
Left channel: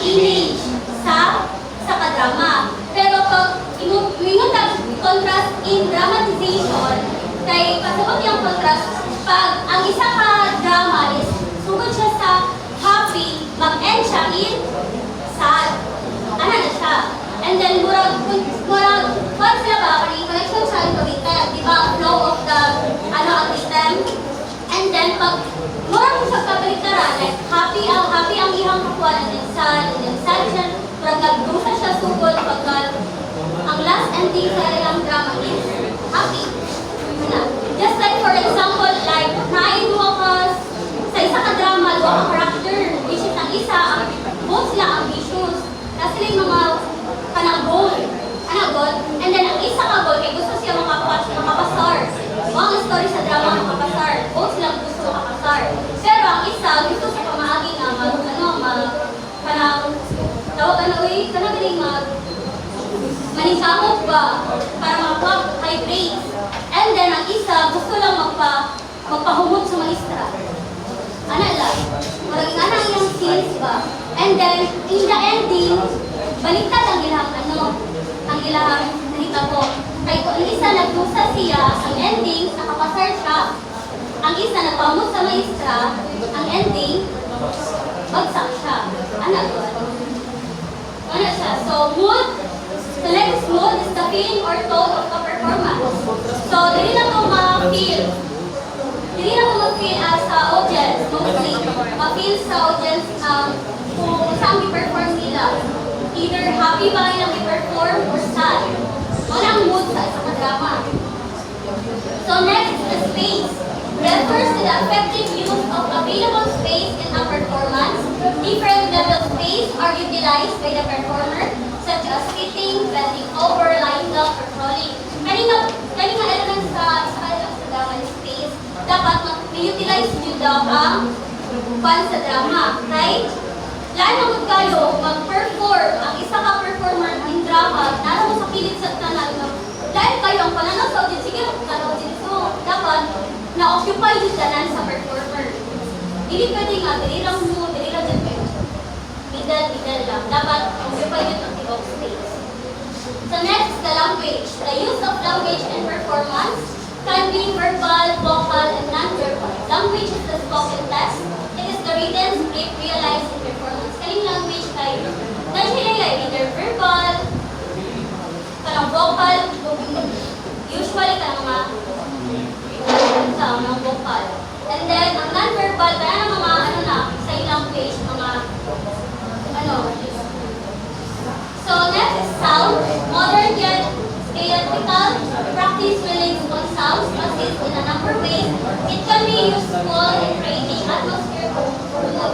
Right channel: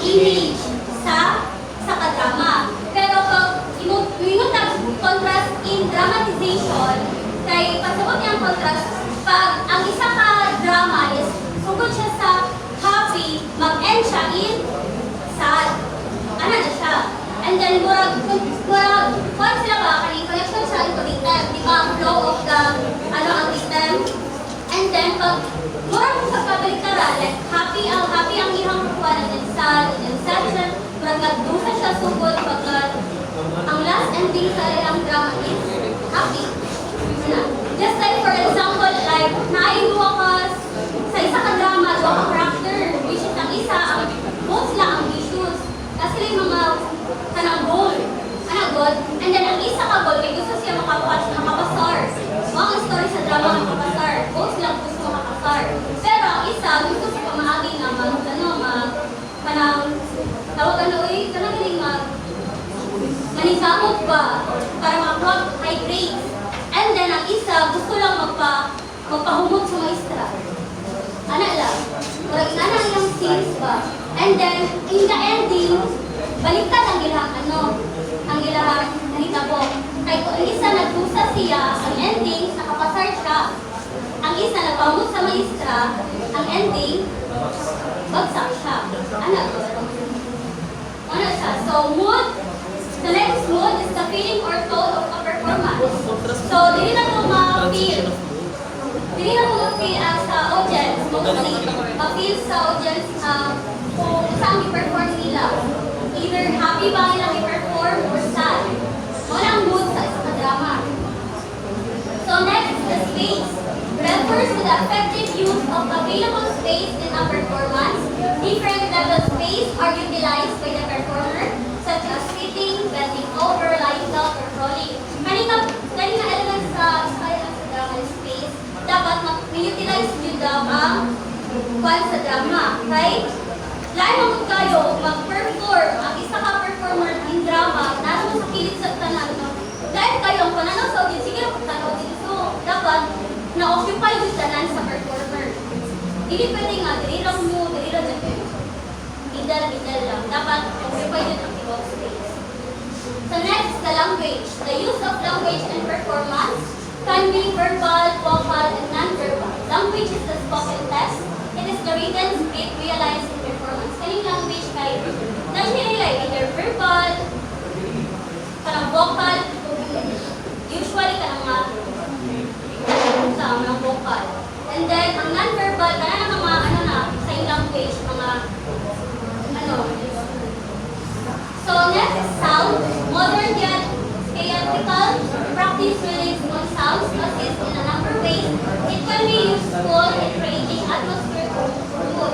image sa kadrama. Pero pag ingon na contrast in dramatization, kay pasabot yung contrast, pag ang isa ka drama is sugod siya sa happy, mag-end siya in sad. Ano na siya? And then, murag, kung sila ba, connection siya into item, di ba? Flow of the, ang item. And then, pag murag sa kabalitaran, like, happy ang ihang kukuha, and then sad siya, murag nagdusa siya sugod, pag ang last ending sa ilang drama is happy. Just like for example, like, nailuwa ka sa isa ka drama, luwa ka character, which is ang isa, both sila ambitious. Kasi sila yung mga kanang goal. And then ang isa ka goal, kay gusto siya makapasar. Ang story sa drama makapasar. Both sila gusto makapasar. Pero ang isa, gusto siya pamaagi na tawag manisamot ba para makakuha high grades. And then ang isa gusto lang magpahumot sa maestra. Ana lang. Maraging ana ilang scenes ba. And then in the ending, baliktad ang ilahang ang ilahang nahitabo. Ay kung ang isa nagpusa siya, ang ending nakapasar siya. Ang isa nagpahumot sa maestra, ang ending bagsak siya. Ana siya. So mood. The next mood is the feeling or tone of a performance. So, dili na to ma-feel. Dili na to ma-feel as audience, mostly. Ma-feel sa audience kung saan i-perform nila. Either happy ba nilang i-perform or sad. Wala ang mood sa isang drama. So, next, the space. Refers to the effective use of available space in a performance. Different level space are utilized by the performer, such as sitting, bending over, lying down, or crawling. Kanina elements sa drama space, dapat mag-utilize nyo daw ang sa drama. Okay? Lahat naman kayo mag-perform, ang isa ka performer in drama, naroon sa pilit sa tanan. Lahat kayo ang pananaw sa audience, sige, tanaw din. So, dapat na-occupy yung tanan sa performer. Hindi pwede nga, dili lang dyan. Middle lang. Dapat occupy yung ang space. So next, the language. The use of language in performance can be verbal, vocal, and non-verbal. Language is the spoken text. It is the written script realized in performance. Kaning language kay like either verbal, kanang vocal, usually kanang mga vocal. And then, ang non-verbal, kaya na mga sign language, mga So next is sound. Modern yet theatrical practice relates on sounds assist in a number of ways. It can be useful in creating atmosphere for mood.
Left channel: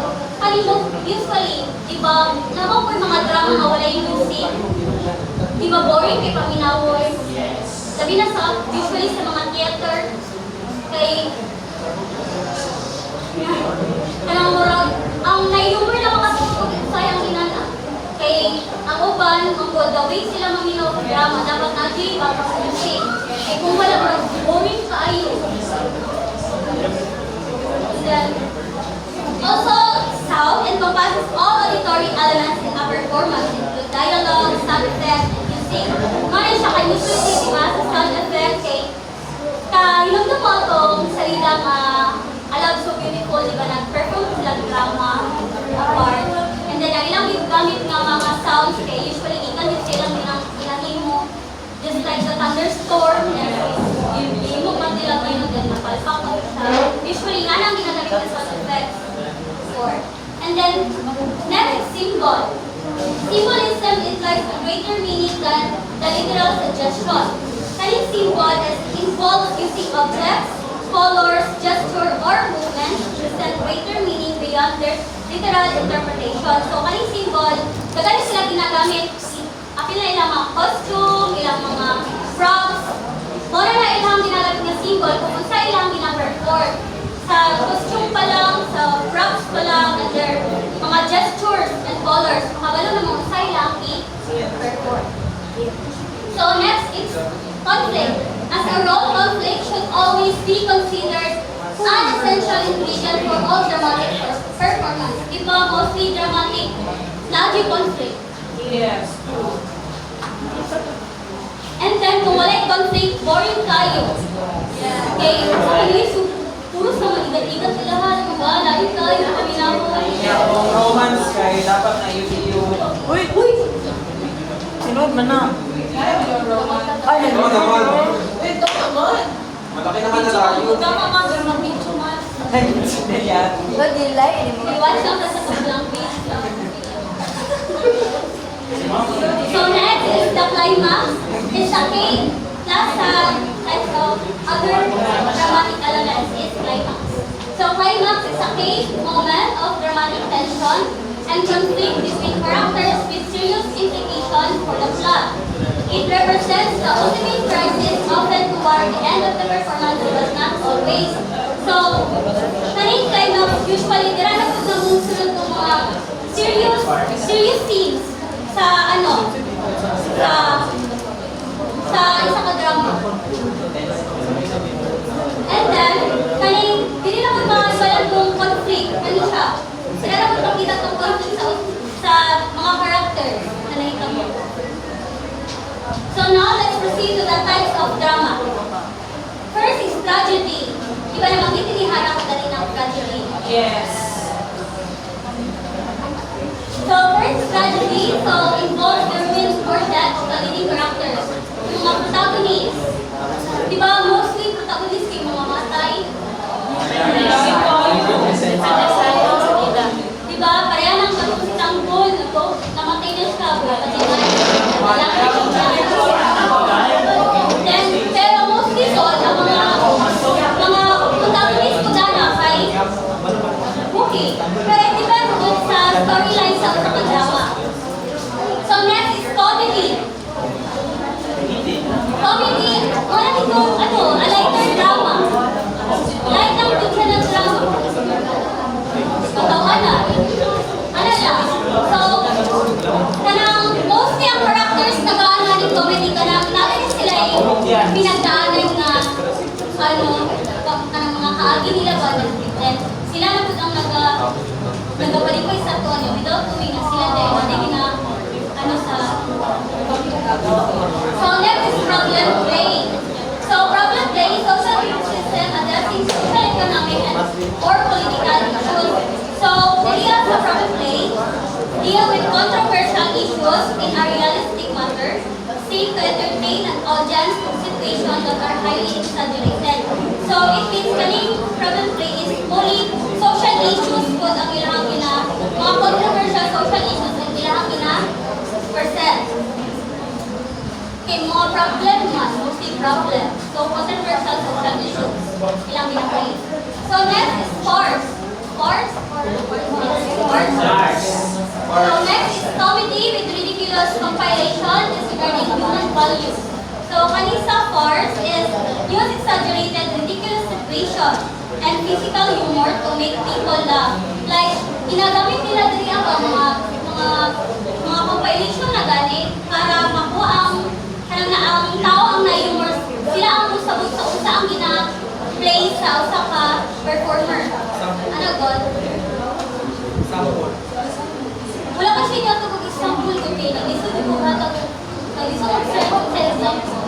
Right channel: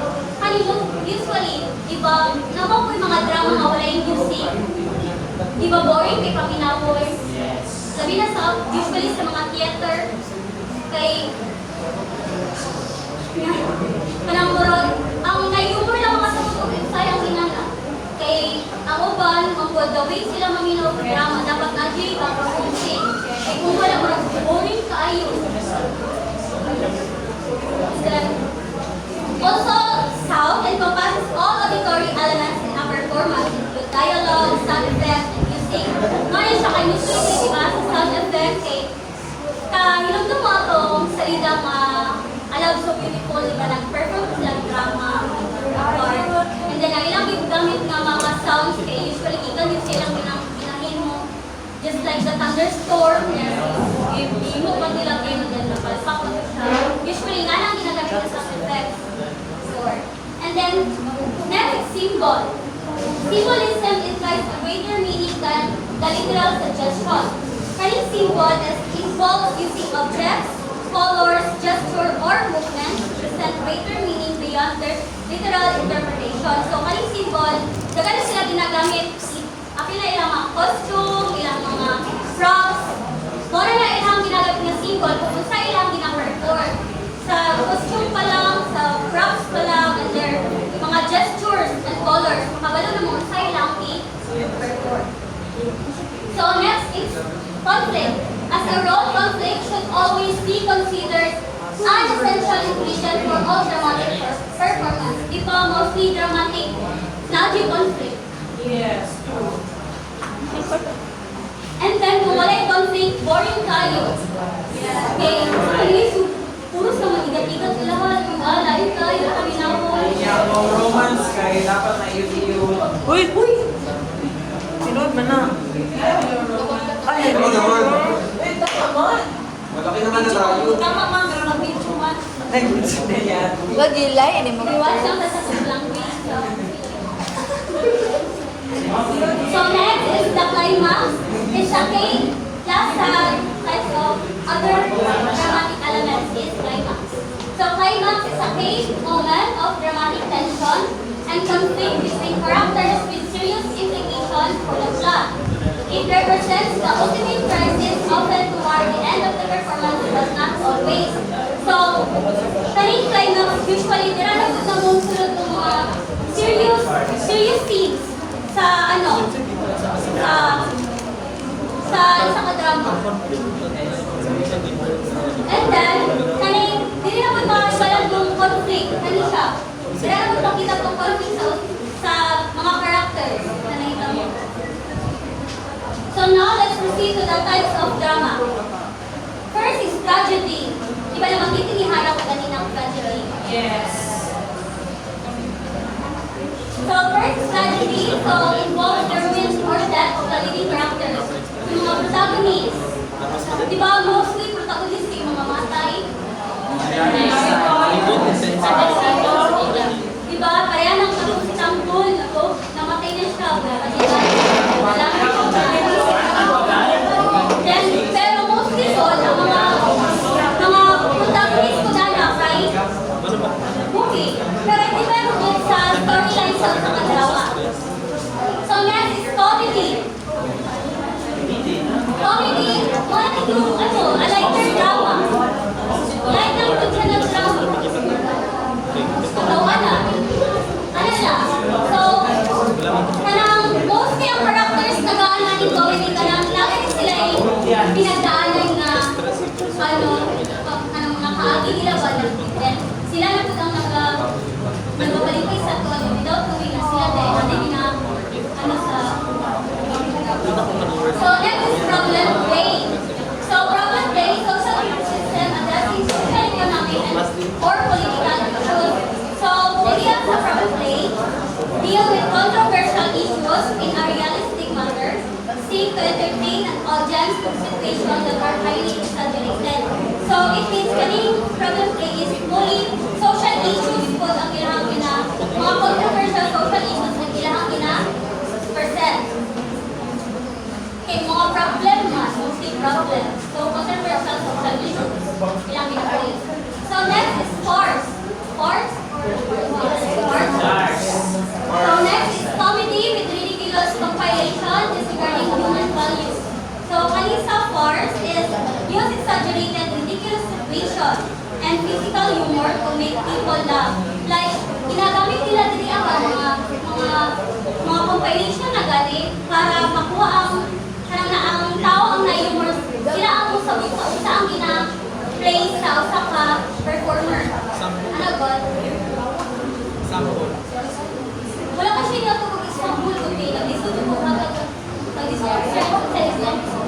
Usually, di ba, naman po yung mga drama nga wala yung music. Di ba boring, di pa minawon? Sabi na usually sa mga theater, kay kanang murag, ang nai-humor lang makatulog sayang inana. Kay ang uban, the way sila maminaw sa drama, dapat na-di para music. Kay kung wala murag, boring kaayo. Then, also, sound encompasses all auditory elements in a performance, include dialogue, sound effects, and music. Ngayon siya kay usually, di ba, sa sound effect, kay ilang mo itong salida nga alam so beautiful, di ba, nag-perform sila drama apart. And then, ang ilang gamit nga mga sounds, kay usually, ikan yung silang ilangin mo, just like the thunderstorm, yung mo man nila kayo, then napalpak mo siya. Usually, nga lang ginagamit na sound effects. And then, next, symbol. Symbolism implies a greater meaning than the literal suggestion. Kaning symbol involves using objects, colors, gesture, or movements to present greater meaning beyond their literal interpretation. So, kaning symbol, dagan sila ginagamit, apil na ilang mga costume, ilang mga So next is conflict. As a role, conflict should always be considered an essential ingredient for all dramatic performance. Di ba mostly dramatic, lagi conflict. Yes. And then kung wala yung conflict, boring kayo. Okay, so anyways, puro sa mga igat-igat lahat, diba? Lain kayo, kami na po. Kung romance kayo, dapat na iyo. Uy! Sinod man na. Ay, Ano naman? Wait, naman! Malaki naman na tayo. Tama nga, pero mag-video man. Hindi yan. Iwan lang sa sobrang page. So next is the climax. It's a cake plus types of other dramatic elements is climax. So climax is a cake moment of dramatic tension and conflict between characters with serious implications for the plot. It represents the ultimate crisis often toward the end of the performance but not always. So, kaning climax usually dira na pud namong sunod ng mga serious scenes sa sa ka-drama. And then, kaning dili na pud mga ng conflict kani siya. Dira na pud makita tong conflict sa mga characters na nahitabo. So now, let's proceed to the types of drama. First is tragedy. Di ba naman itiniharap ko kanina ang tragedy? Yes. So first tragedy, so involves the ruin or death of the leading characters. Yung mga protagonists. Di ba mostly protagonists yung mga matay? Di ba? Pareha ng Istanbul, namatay na siya. Wala ka Then, pero mostly so, ang mga protagonist ko na kay okay. Pero it depends good sa storyline sa drama. So next is comedy. Comedy, wala ito, a lighter drama. Light lang ito siya ng drama. Katawa na. Ano lang? So, kanang mostly ang characters nag-aanan ng comedy, kanang lagi rin sila pinagdaanan na kanang mga kaagi nila ba then sila na po ang nagapalipay sa to without doing na sila dahil na sa so next is problem play. So problem play, social system addressing social, economic, or political issues. So area sa problem play deal with controversial issues in a realistic manner, seek to entertain an audience with situations that are highly exaggerated. So it means kaning problem play is fully social issues po ang ilang mga controversial social issues ang ilang percent. Okay, mga problem nga, mostly problem. So controversial social issues ilang ginagawa. So next is farce. Farce or farce? So next is comedy with ridiculous compilation disregarding human values. So kanisa farce is use exaggerated ridiculous situation and physical humor to make people laugh. Like ginagamit nila diri ang mga compilation na gani para makuha ang tao ang na-humor. Sila ang musabot sa usa ang gina-play sa usa ka performer. Ano God? Sample. Wala kasi niya ito kag-example ko din. Nag-isod ko sa example.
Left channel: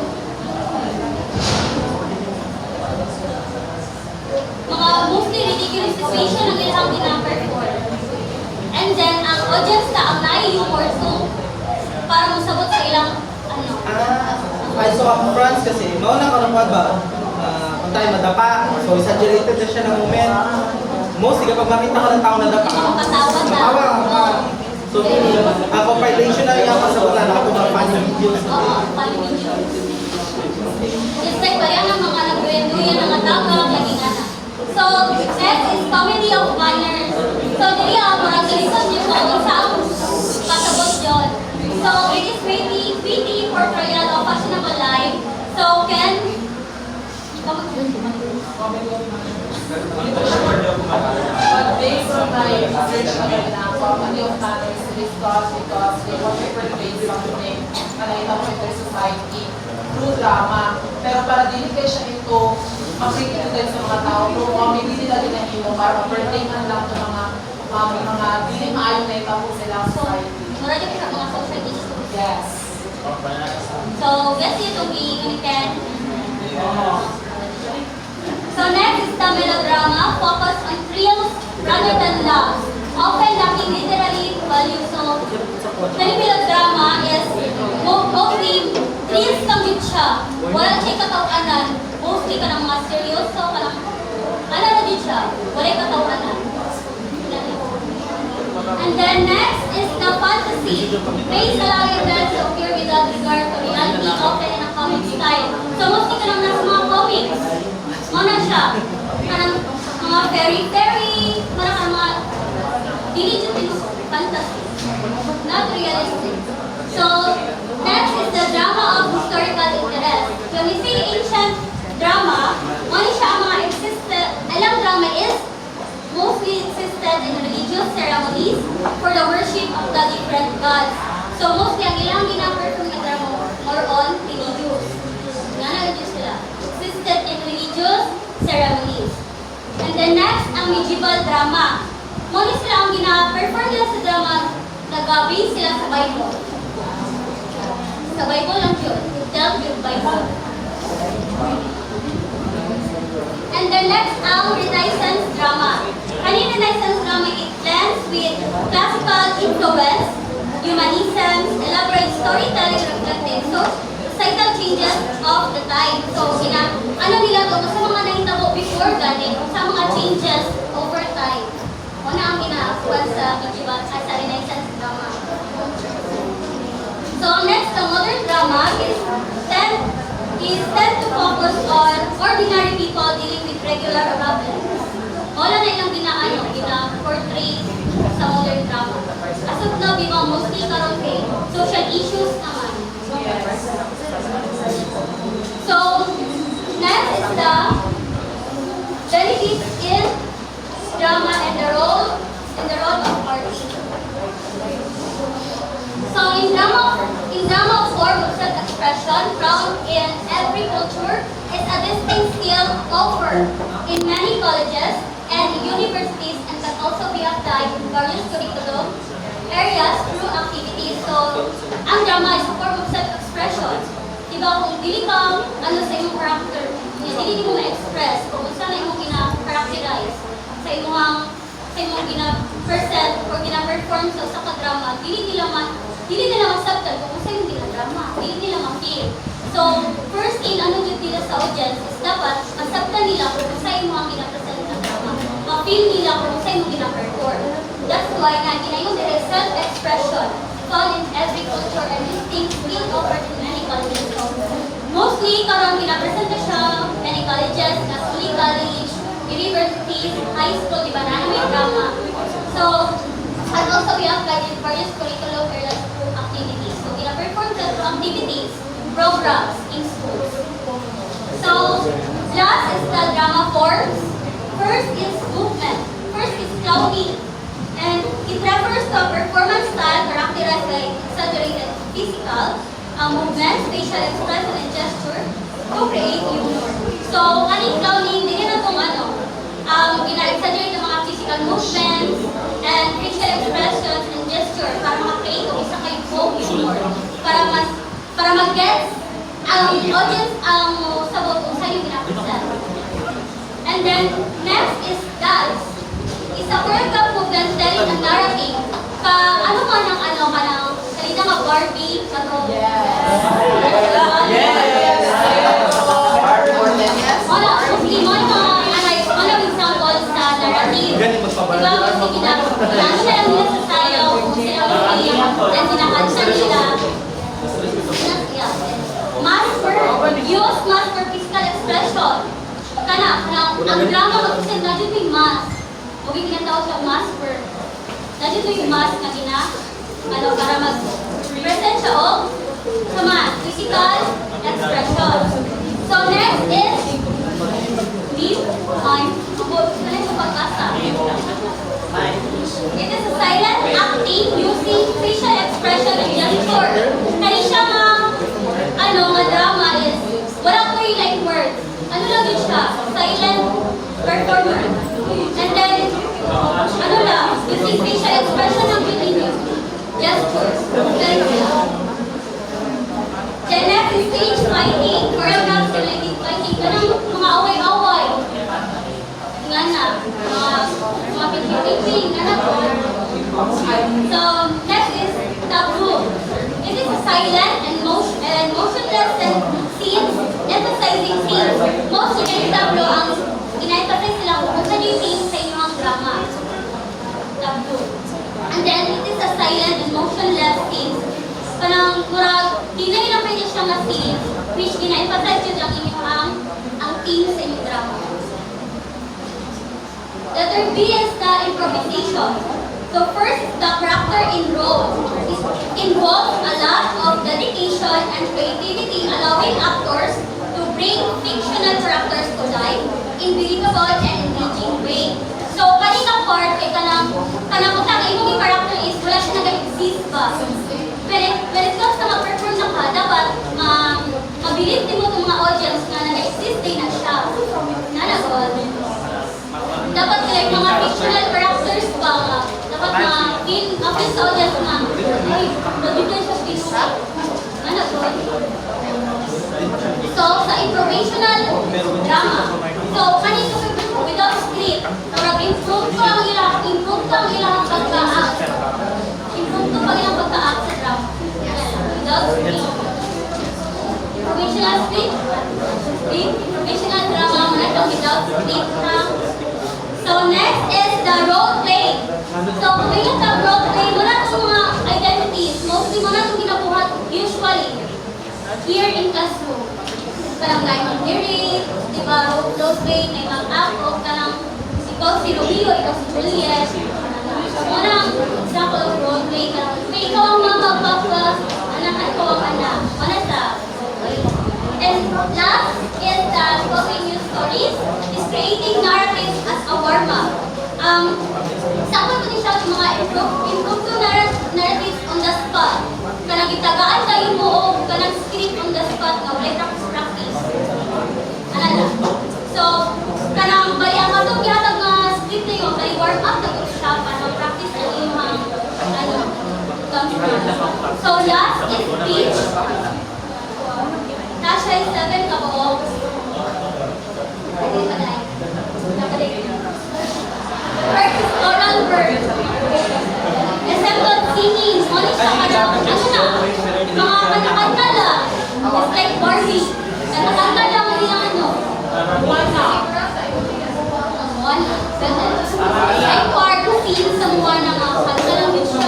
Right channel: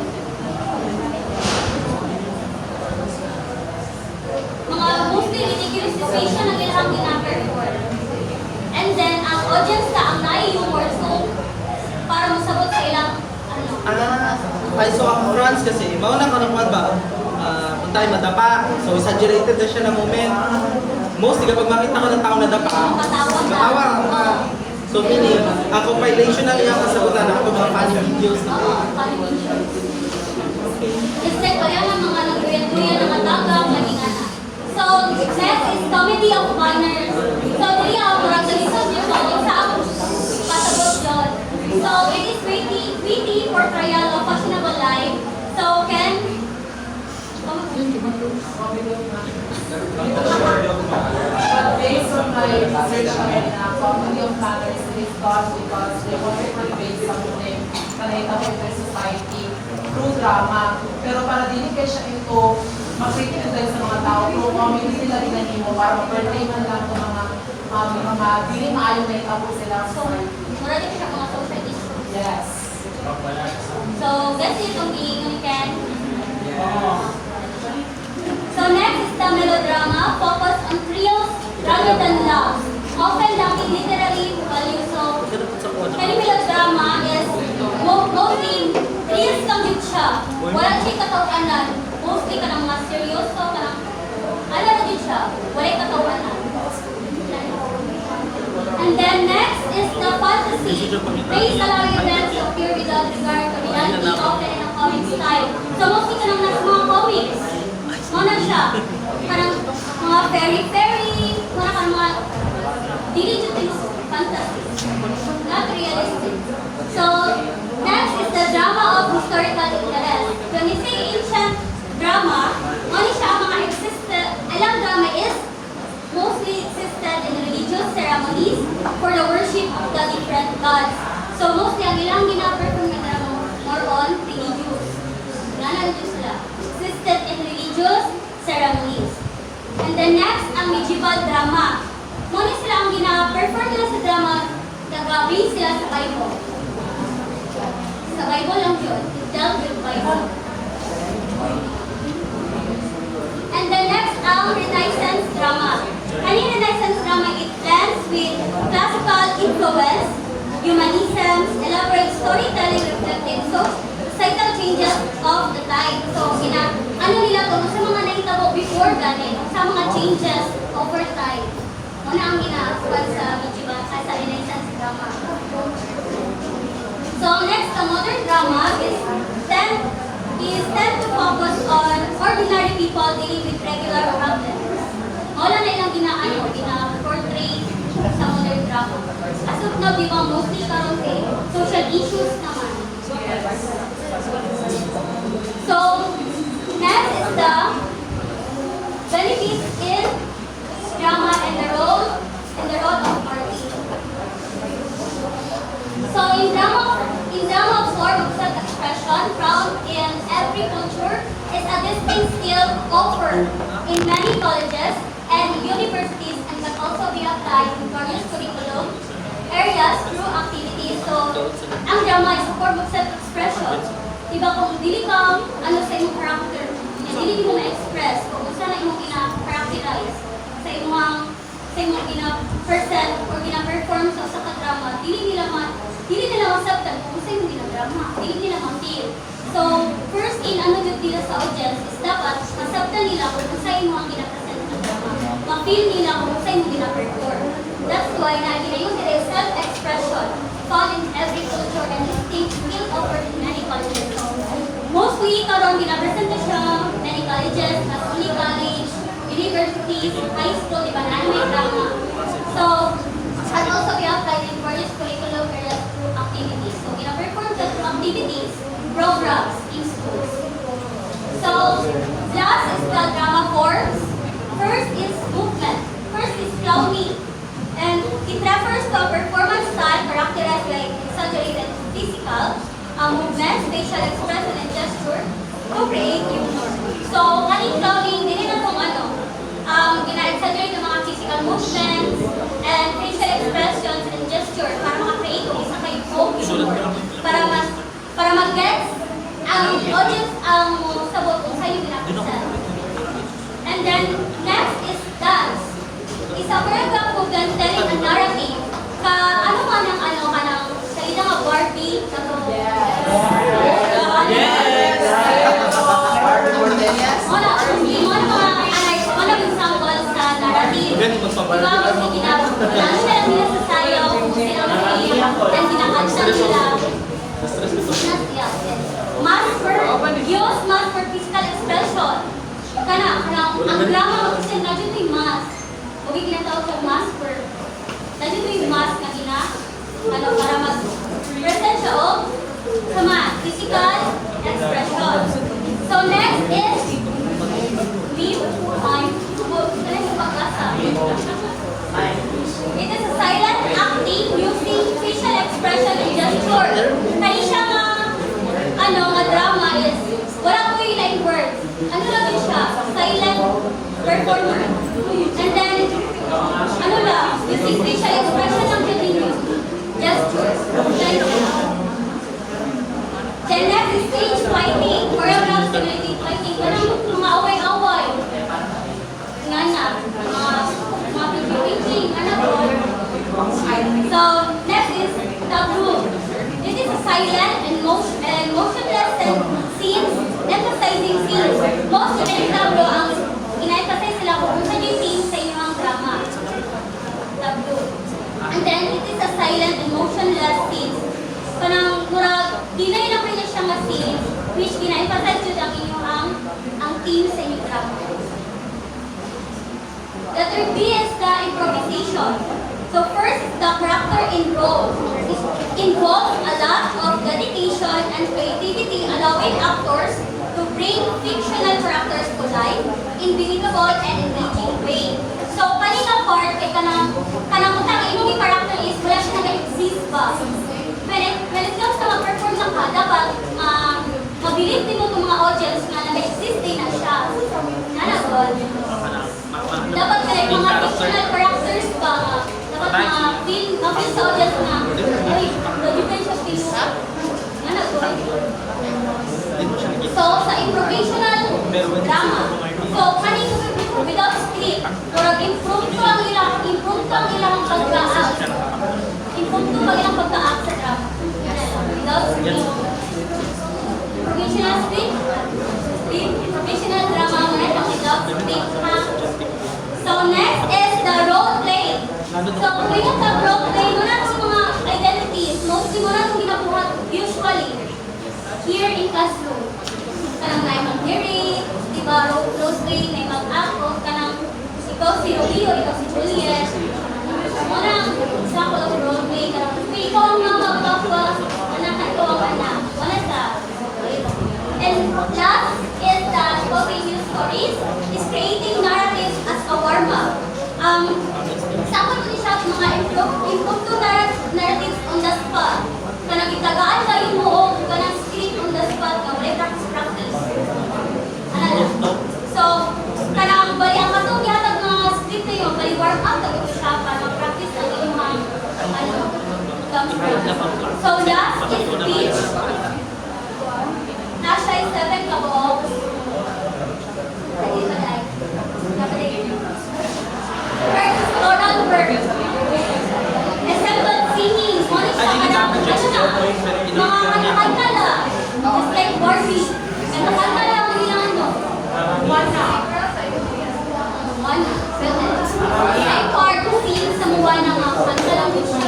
Mga mostly ridiculous situation ang ilang gina-perform. And then, ang audience na ang nai-humor so para masabot sa ilang Ay, so ang France kasi, mauna ka naman ba? Kung tayo madapa, so exaggerated na siya na moment. Mostly kapag makita ko ng tao na dapa, matawa ka. So meaning, ang compilation na iyang kasagutan na mga funny videos. funny videos. Just like kaya ng mga nag-duyan ng atapang, laging So, next is comedy of manners. So, dili ang mga galisan niyo so, sa pasabot yun. So, it is witty portrayal of fashionable life. So, can But based on my research kanina, comedy of manners is thought because they want to portray something na naitapos in their society drama. Pero para dili kay siya ito mag-represent sa mga tao, pero kami hindi nila ginahimo para ma-pertainan lang sa mga dili maayo na itapos sila sa society. Mura dito sa mga social issues. Yes. So, that's it itong giingunikan. So next is the melodrama, focus on thrills rather than love. Often lacking literary value. So, kani melodrama is mostly thrills kang yun siya. Wala siya katawanan. Mostly ka ng mga seryoso, ka ng ano na din siya. Wala yung katawanan. And then next is the fantasy. Based allowing events to appear without regard to reality, often in a comic style. So mostly ka lang nasa mga comics. Mana siya. Parang mga fairy, parang mga diligent fantasy. Not realistic. So, next is the drama of historical interest. When we say ancient drama, ano siya ang mga alam drama is mostly existed in religious ceremonies for the worship of the different gods. So, mostly ang ilang gina-perform na drama more on religious. Religious sila. Existed in religious ceremonies. And then next, ang medieval drama. Muna sila ang gina-perform nila sa drama, nag-base sila sa Bible. Sa Bible lang yun. It dealt with Bible. And then next, ang Renaissance drama. Kanina Renaissance drama, it blends with classical influence, humanism, elaborate storytelling reflecting societal changes of the time. So, ano nila to, sa mga nahitabo before gani, sa mga changes over time. Una ang ginaakuan sa medieval, sa Renaissance drama. So, next, the modern drama is tend to focus on ordinary people dealing with regular problems. Wala na ilang gina-portray sa modern drama. As of now, di ba, mostly karon kay social issues naman. So, next is the benefits in drama and the role of artist. So, in drama form of self-expression found in every culture is a distinct skill offered in many colleges and universities and can also be applied in various curriculum areas through activities. So, ang drama is a form of self-expression. Diba kung dili ka, sa imong character, dili mo ma-express, kung saan na imong gina-characterize, sa imong gina-present or gina-perform sa ka-drama, dili nila masabtan kung saan imong gina-drama, dili nila ma-feel. So, first in ano dito nila sa audience is dapat masabtan nila kung saan imong gina-present na drama, ma-feel nila kung saan imong gina-perform. That's why nga ginayon there is self-expression found in every culture and distinct skill offered in many colleges. So, mostly, karon gina-present na siya, many colleges, Catholic College, universities, high school, di ba, na may drama. So, can also be applied in various curriculum areas through activities. So, gina-perform ka through activities, programs in schools. So, last is the drama forms. First is movement. First is clowning. And it refers to a performance style characterized by exaggerated physical movement, facial expression, and gesture to create humor. So, kaning clowning, hindi na itong gina-exaggerate yung mga physical movements and facial expressions and gesture para ma-create kung isa kayo humor. Para mag-get ang audience ang sabot kung saan yung gina-present. And then, next is dance. It's a choreographed movement telling a narrative. Ano man ang salita nga Barbie, kato. Yes! Wala, mostly mo mga example sa narrative. Ganun magpabalik. Diba, kasi lalo na lang nila sa sayaw, kung sila mag-iyak, then kinakanta nila. Use mask for physical expression. Ang drama mag-isip na dito yung mask. Huwag yung tinatawag sa mask for na dito yung mask na para mag-present siya sa mask. Physical expression. So next is leave on pagbasa. It is a silent acting using facial expression and gesture. Kaya siya nga drama is like words. Ano lang yun siya? Silent performance. And then, ano lang, using facial expression ng believing. Gestures. Then next is stage fighting. Choreographed related fighting. Ganang mga away-away. Nga na. Mga picture-picturing. Ano po? So, next is tableau. It is a silent and motionless scenes, emphasizing scenes. Most of the tableau ang ina-emphasize sila kung saan yung theme sa inyong drama. Tableau. And then, it is a silent and motionless scenes. Parang murag, di na ilang pwede siyang na scenes, which ina-emphasize yun ang inyong ang theme sa inyong drama. The third B is the improvisation. So first, the character in role. It involves a lot of dedication and creativity, allowing actors to bring fictional characters to life in believable and engaging way. So kanina part, kanang yung character is wala siya nag-exist ba. When it comes to mag-perform na ka, dapat mabilis din mo itong mga audience na nag-exist din na siya. Nanagot. Dapat kayo mga fictional characters ba, dapat ma-feel sa audience na, ay, nag-depend siya pinuha. Nanagot. So, sa improvisational drama, so, kanito without script, or improve ko ang ilang pagka-act. Improve ko ang ilang pagka-act sa drama. Without script. Improvisational script, improvisational drama, without script, ha? So, next is the role play. So, kung yung sa role play, wala itong mga identities. Mostly mo na itong ginabuhat usually here in classroom. Parang na mag-narrate, di ba, role play, na mag-act, parang ikaw si Romeo, ikaw si Juliet. Unang example of role play, may ikaw ang mga mag-focus, anak at ikaw ang anak. Wala sa. And last is the discovering new stories, is creating narratives as a warm-up. Example ko din siya yung mga improve to narratives on the spot. Kanang itagaan kayo mo o kanang script on the spot nga wala practice. Ano na? So, kanang bali ang katong gihatag nga script na yun, bali warm up na ito siya para mag-practice ang inyong so last is speech. Nasa is 7 ka po. First, oral work. Example, singing. Ano siya? Mga kanta lang. Just like Barbie. Kanta lang mo yung ano. Moana. Like part scene sa Moana nga. Kanta lang din siya.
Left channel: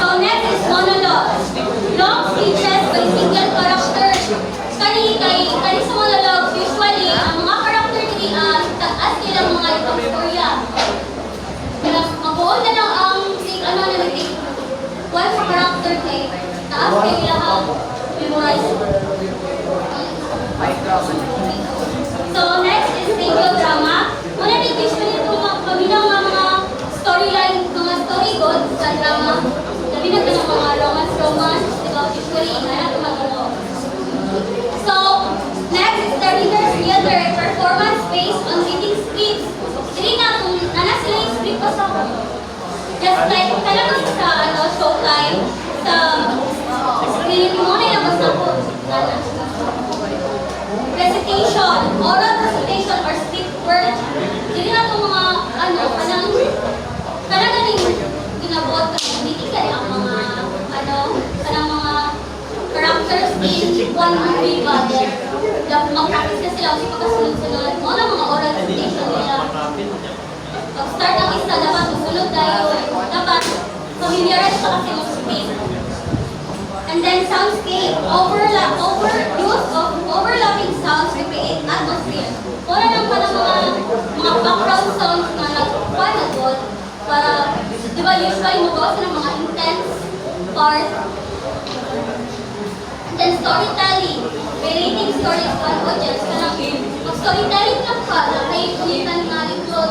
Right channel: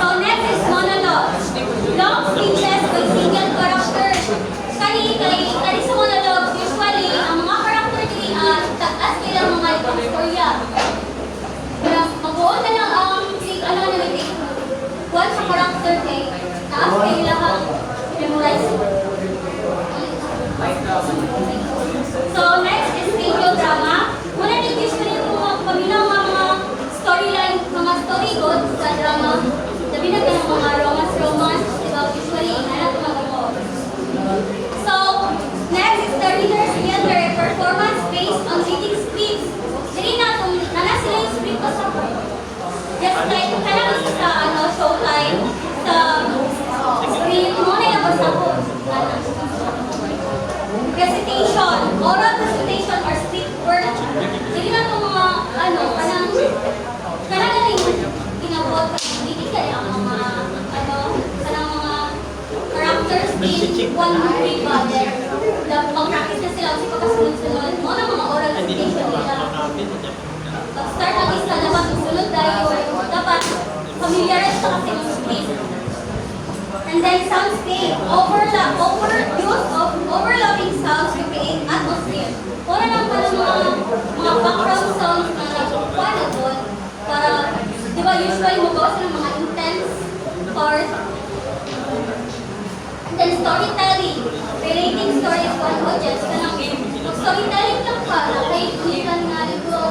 So next is monologue. Long speeches by single character. Kani sa monologue, usually, ang mga character taas nilang mga itong storya. Kaya mabuon na lang ang one sa character kay taas kayo lahat memorize. So next is radio drama. Muna din usually itong mga paminaw mga storyline, mga story gods sa drama. Sabi na ka ng mga romance, usually, na tumagano. So, next is the readers theater performance based on reading scripts. Dili na kung nana sila yung script ko sa just like, kailangan sa showtime, sa screen mo na yung basta ko. Presentation, oral presentation or script work. Dili na itong mga, kailangan yung ginabot ka, hindi ka ang mga, kanang mga characters in one movie ba there. Mag-practice na sila kung pagkasunod-sunod. Mo na mga oral presentation nila. Pag-start ang isa, dapat susunod tayo. Dapat familiarize pa kasi ng script. And then soundscape, use of overlapping sounds to create atmosphere. Wala lang pala mga background sounds na nagkukuha na doon para, di ba usually magawa sila ng mga intense part. Then storytelling, relating stories to an audience. Mag-storytelling lang ka, kay kulitan nga nito.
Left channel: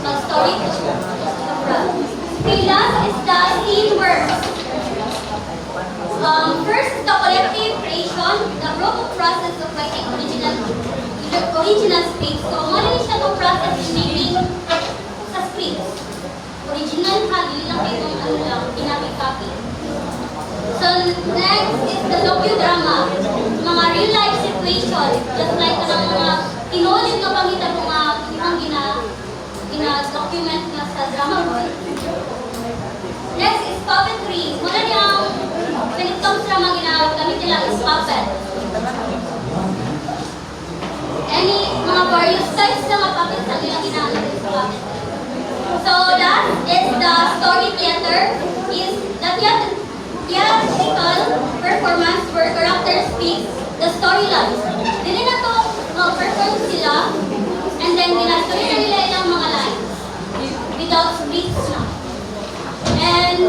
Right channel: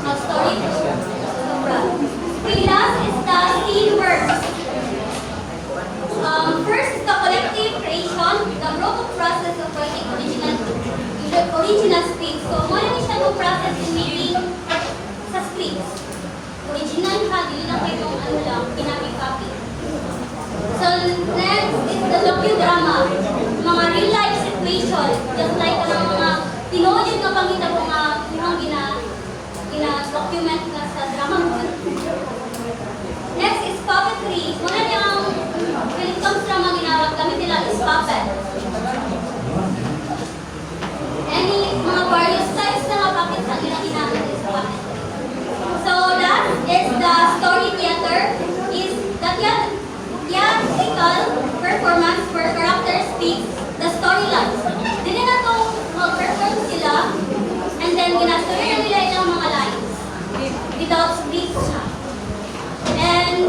Mag-story to. Okay, last is the scene process of writing original script. So, mo na siya yung process in making sa script. Original ha, yun lang kayo ano lang, pinapicopy. So, next is the docudrama. Mga real life situation, just like mga tinodin ka pangita mo mga gina-document nga sa drama mo. Next is puppetry. Muna niyang, when it comes sa mga ginagamit nila is puppet. Any mga various types na mga puppets ang nila ginamit is puppet. So last is the story theater. Is the theatrical performance where characters speak the storylines. Dili na to perform sila and then ginastorya na nila ilang mga lines without speech na. And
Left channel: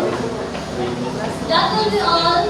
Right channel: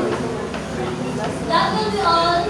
that will be all our